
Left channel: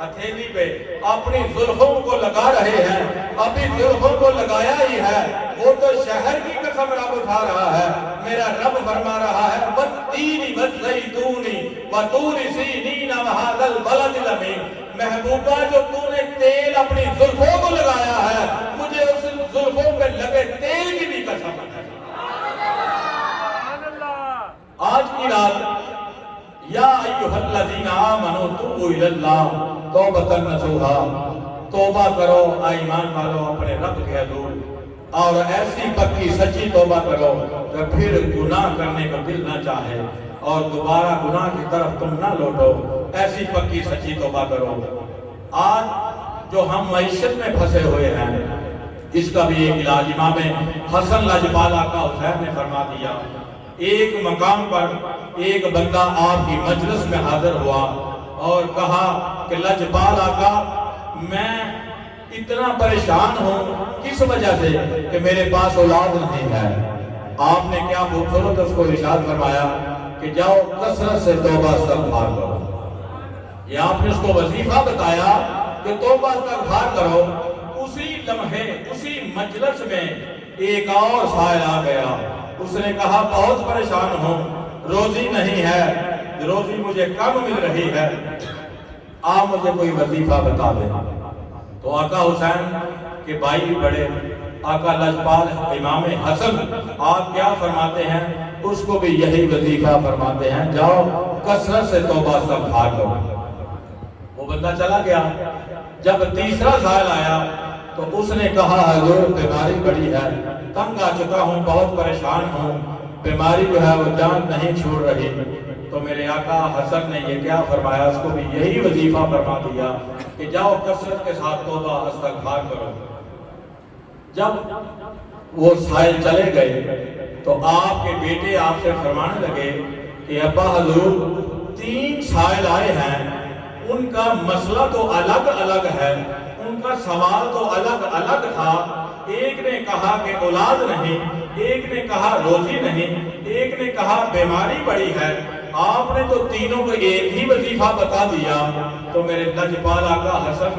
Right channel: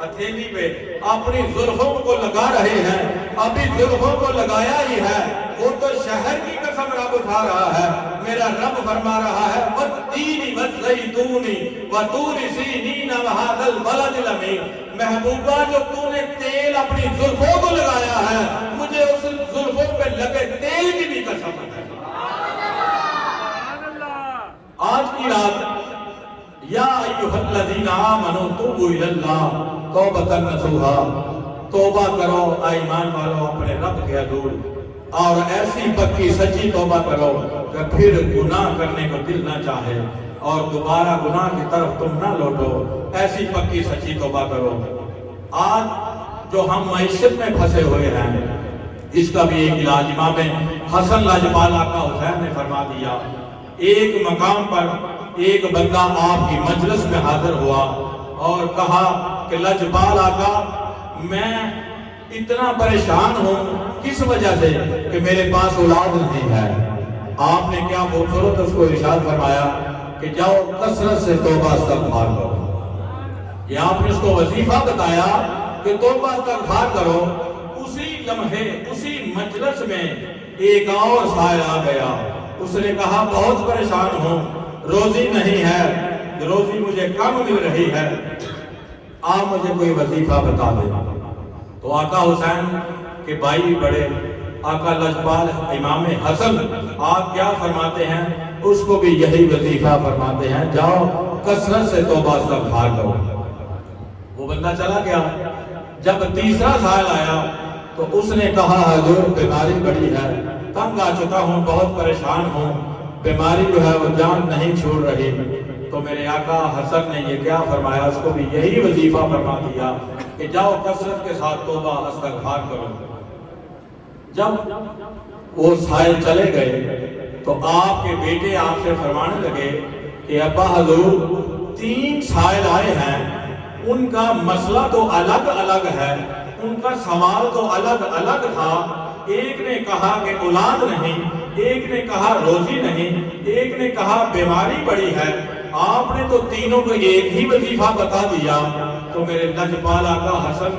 ہتھیلی پہ اپنی زلفوں کو لگا رہے ہیں، ابھی زلفوں کو لگایا ہی ہے، وہ تو شہر کی قسم رب اٹھا رہا ہے۔ میرا رب فرما رہا ہے وَالتِّينِ وَالزَّيْتُونِ وَطُورِ سِينِينَ وَهَٰذَا الْبَلَدِ الْأَمِينِ، محبوبہ جو تو نے تیل اپنی زلفوں کو لگایا ہے، مجھے اس زلفوں پہ لگے تیل کی بھی قسم ہے۔ آج کی رات یا ایھا الذین آمنوا توبوا الی اللہ توبۃ نصوحا، توبہ کرو اے ایمان والو اپنے رب کے حضور، اور ایسی پکی سچی توبہ کرو کہ پھر گناہ کرنے کو دل نہ چاہے اور دوبارہ گناہ کی طرف تم نہ لوٹو، ایسی پکی سچی توبہ کرو۔ آج جو ہم معیشت میں پھنسے ہوئے ہیں اس کا بھی ایک علاج امام حسن لاجپال آقا حسین نے فرما دیا۔ ایک مقام پر ایک بندہ آپ کی مجلس میں حاضر ہوا اور کہا کہ لاجپال آقا میں اتنا پریشان ہوں کس وجہ سے کہ میرے پاس اولاد نہیں ہے۔ آپ نے کیا خوبصورت اس کو ارشاد فرمایا کہ جاؤ کثرت سے توبہ استغفار کرو۔ یہ آپ نے اس کو وظیفہ بتایا کہ توبہ استغفار کرو۔ اسی لمحے اسی مجلس میں ایک اور سائل آ گیا، اس نے کہا بہت پریشان ہوں، روزی نہیں ہے، روزی مجھے کم مل رہی ہے، آپ مجھے کوئی وظیفہ بتا دیں۔ تو آقا حسین کے بھائی بھی بڑے، آقا لاجپال امام حسن آپ کیا فرماتے ہیں؟ اس کو بھی یہی وظیفہ فرماتے ہیں، جاؤ کثرت سے توبہ استغفار کرو۔ وہ بندہ چلا گیا۔ جب تیسرا سال آیا تو اس نے کہا حضور بیماری بڑی ہے، تنگ آ چکا ہوں، بہت پریشان ہوں، بیماری جو ہے وہ جان نہیں چھوڑ رہی۔ تو میرے آقا حسن نے یہ کیا فرمایا؟ اس کو بھی یہی وظیفہ فرما دیا کہ جاؤ کثرت کے ساتھ توبہ استغفار کرو۔ جب وہ سائل چلے گئے تو آپ کے بیٹے آپ سے فرمانے لگے کہ ابا حضور 3 سائل آئے ہیں، ان کا مسئلہ تو الگ الگ ہے، ان کا سوال تو الگ الگ تھا۔ ایک نے کہا کہ اولاد نہیں، ایک نے کہا روزی نہیں، ایک نے کہا بیماری بڑی ہے، آپ نے تو تینوں کو ایک ہی وظیفہ بتا دیا۔ تو میرے لجپال آقا حسن،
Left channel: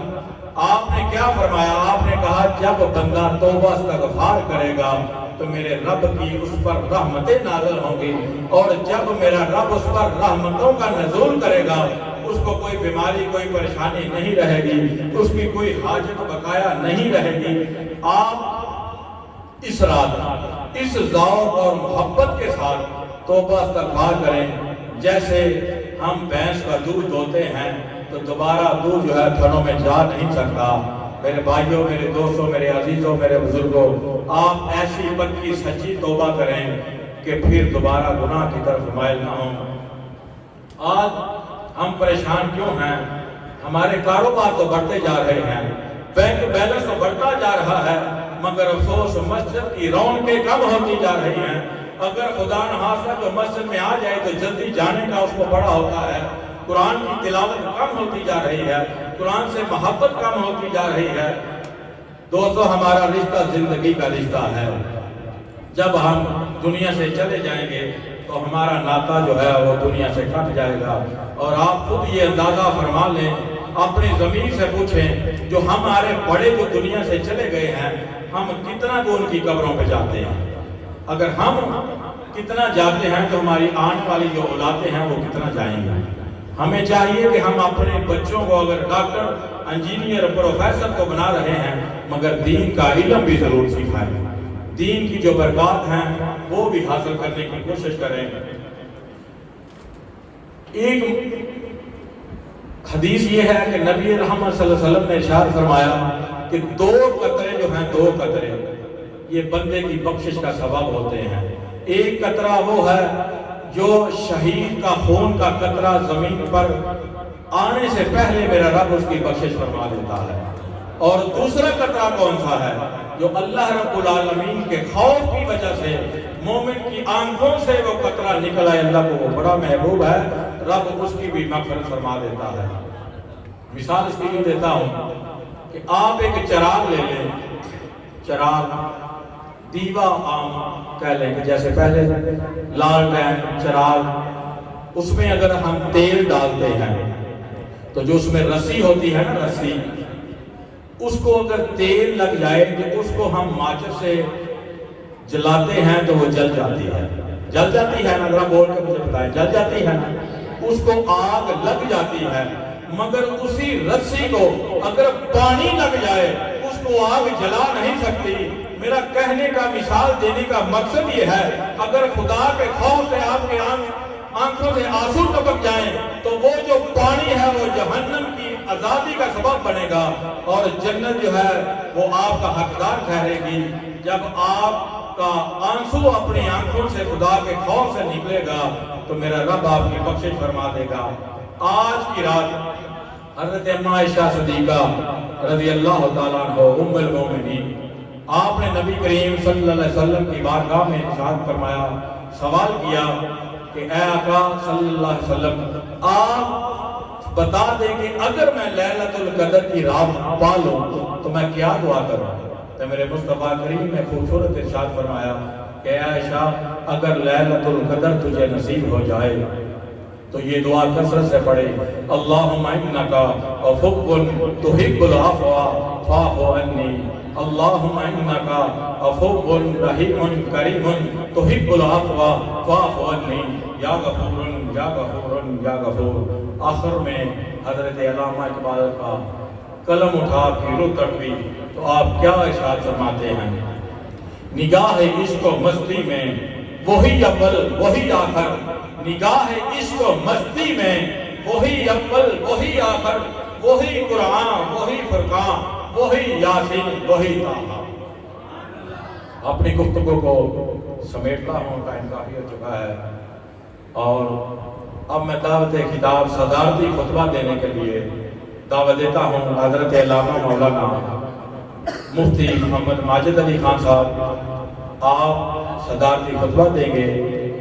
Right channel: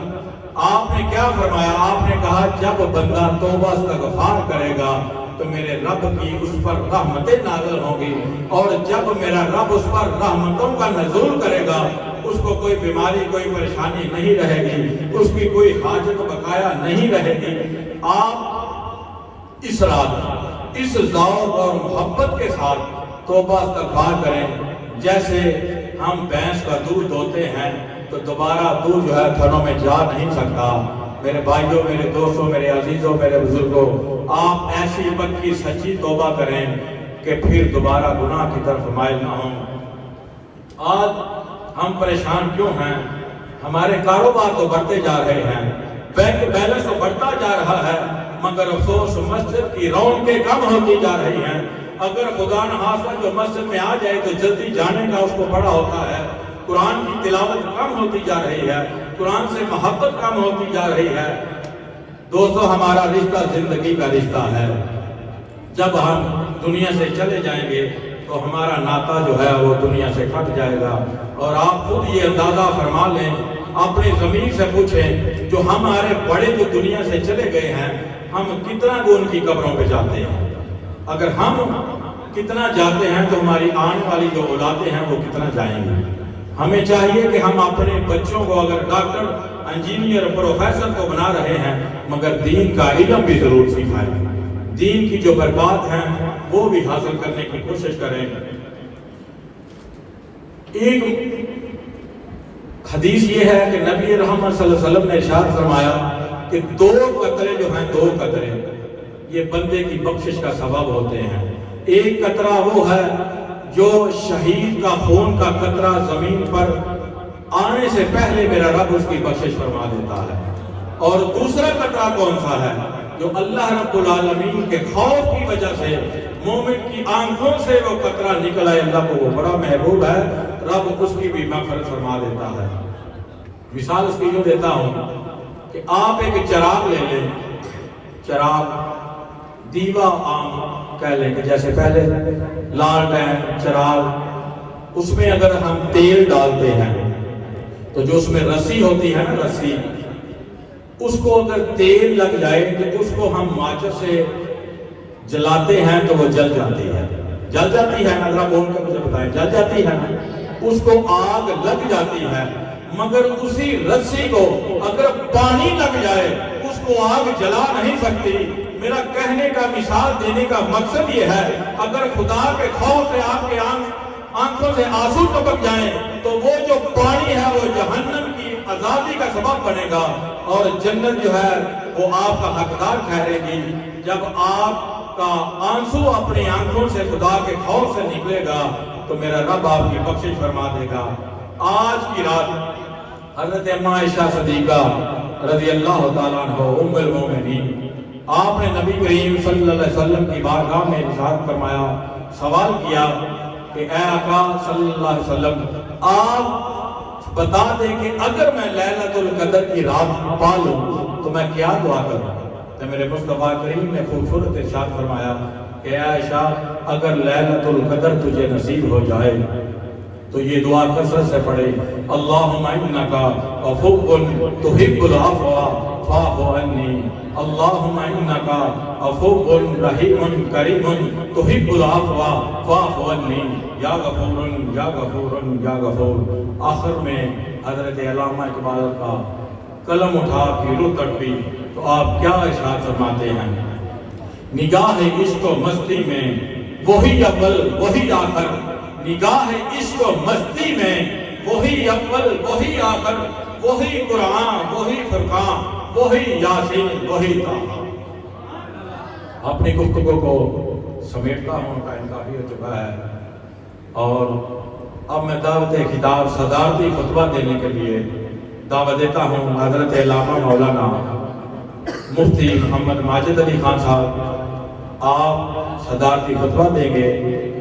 آپ نے کیا فرمایا؟ آپ نے کہا جب بندہ توبہ استغفار کرے گا تو میرے رب کی اس پر رحمتیں نازل ہوں گی، اور جب میرا رب اس پر رحمتوں کا نزول کرے گا اس کو کوئی بیماری، کوئی پریشانی نہیں رہے گی، اس کی کوئی حاجت بقایا نہیں رہے گی۔ آپ اس رات اس ذوق اور محبت کے ساتھ توبہ استغفار کریں۔ جیسے ہم بھینس کا دودھ دوتے ہیں تو دوبارہ دودھ جو ہے تھنوں میں جا نہیں سکتا۔ میرے بھائیوں، میرے دوستوں، میرے عزیزوں، میرے بزرگوں، آپ ایسی پکی سچی توبہ کریں کہ پھر دوبارہ گناہ کی طرف مائل نہ ہوں۔ آج ہم پریشان کیوں ہیں؟ ہمارے کاروبار تو بڑھتے جا رہے ہیں، بینک بیلنس تو بڑھتا جا رہا ہے، مگر افسوس مسجد کی رونقیں کم ہوتی جا رہی ہیں۔ اگر خدا نخواستہ جو مسجد میں آ جائے تو جلدی جانے کا اس کو بڑا ہوتا ہے۔ قرآن کی تلاوت کم ہوتی جا رہی ہے، قرآن سے محبت کم ہوتی جا رہی ہے۔ دوستو، ہمارا رشتہ زندگی کا رشتہ ہے۔ جب ہم دنیا سے چلے جائیں گے تو ہمارا ناطہ جو ہے وہ دنیا سے کٹ جائے گا۔ اور آپ خود یہ اندازہ فرما لیں، اپنی ضمیر سے پوچھیں، جو ہمارے بڑے جو دنیا سے چلے گئے ہیں، ہم کتنا جو ان کی قبروں پہ جاتے ہیں؟ اگر ہم کتنا جاتے ہیں تو ہماری آنے والی جو اولادیں ہیں وہ کتنا جائیں گے؟ ہمیں چاہیے کہ ہم اپنے بچوں کو اگر ڈاکٹر، انجینئر، پروفیسر کو بنا رہے ہیں مگر دین کا علم بھی ضرور سکھائیں، دین کی جو برکات ہیں وہ بھی حاصل کرنے کی کوشش کریں۔ ایک حدیث یہ ہے کہ نبی رحمت صلی اللہ علیہ وسلم نے ارشاد فرمایا کہ 2 قطرے جو ہیں، 2 قطرے یہ بندے کی بخشش کا سبب ہوتے ہیں۔ ایک قطرہ وہ ہے جو شہید کا خون کا قطرہ زمین پر آنے سے پہلے میرا رب اس کی بخشش فرما دیتا ہے، اور دوسرا قطرہ کون سا ہے؟ جو اللہ رب العالمین کے خوف کی وجہ سے مومن کی آنکھوں سے وہ قطرہ نکلا ہے، اللہ کو وہ بڑا محبوب ہے، رب اس کی بھی مغفرت فرما دیتا ہے۔ مثال اس کی دیتا ہوں کہ آپ ایک چراغ لے لیں، چراغ دیوا عام کہہ لیں کہ جیسے پہلے لالٹین چراغ، اس میں اگر ہم تیل ڈالتے ہیں تو جو اس میں رسی ہوتی ہے نا، رسی، اس کو اگر تیل لگ جائے تو اس کو ہم ماچس سے جلاتے ہیں تو وہ جل جاتی ہے، جل جاتی ہے نا؟ ذرا بول کے مجھے بتائیں، جل جاتی ہے نا؟ اس کو آگ لگ جاتی ہے، مگر اسی رسی کو اگر پانی لگ جائے اس کو آگ جلا نہیں سکتی۔ میرا کہنے کا، مثال دینے کا مقصد یہ ہے، اگر خدا کے خوف سے آپ کے آنکھوں سے آنسو ٹپک جائیں تو وہ جو پانی ہے وہ جہنم کی آزادی کا سبب بنے گا، اور جنت جو ہے وہ آپ کا حقدار ٹھہرے گی۔ جب آپ کا آنسو اپنی آنکھوں سے خدا کے خوف سے نکلے گا تو میرا رب آپ کی بخشش فرما دے گا۔ آج کی رات حضرت اماں عائشہ صدیقہ رضی اللہ تعالیٰ عنہ ام المومنین، آپ نے نبی کریم صلی اللہ علیہ وسلم کی بارگاہ میں ارشاد فرمایا، سوال کیا کہ اے آقا صلی اللہ علیہ وسلم، آپ بتا دیں کہ اگر میں لیلۃ القدر کی رات پا لوں تو میں کیا دعا کروں؟ تو میرے مصطفیٰ کریم نے خوبصورت ارشاد فرمایا کہ اے عائشہ، اگر لیلۃ القدر تجھے نصیب ہو جائے تو یہ دعا کثرت سے پڑھے، اللہم انک عفو تحب العفو فاعف عنی، اللہم انک عفو رحیم کریم تحب العفو فاعف عنی، یا غفور یا غفور یا غفور۔ آخر میں حضرت علامہ اقبال کا قلم اٹھا کے رو تڑپی تو آپ کیا ارشاد فرماتے ہیں؟ نگاہ عشق و مستی میں وہی اول وہی آخر، نگاہ عشق و مستی میں وہی اول وہی آخر، وہی قرآن وہی فرقان وہی یاسین وہی طٰہٰ۔ اپنی گفتگو کو سمیٹتا ہوں، ٹائم کافی ہو چکا ہے، اور اب میں دعوت خطاب صدارتی خطبہ دینے کے لیے دعوت دیتا ہوں حضرت علامہ مولانا مفتی محمد ماجد علی خان صاحب۔ آپ صدارتی خطبہ دیں گے،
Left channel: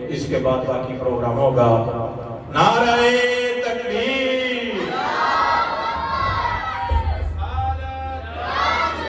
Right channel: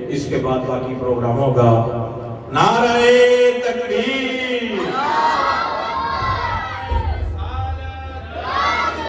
اس کے بعد باقی پروگرام ہوگا۔ نعرہ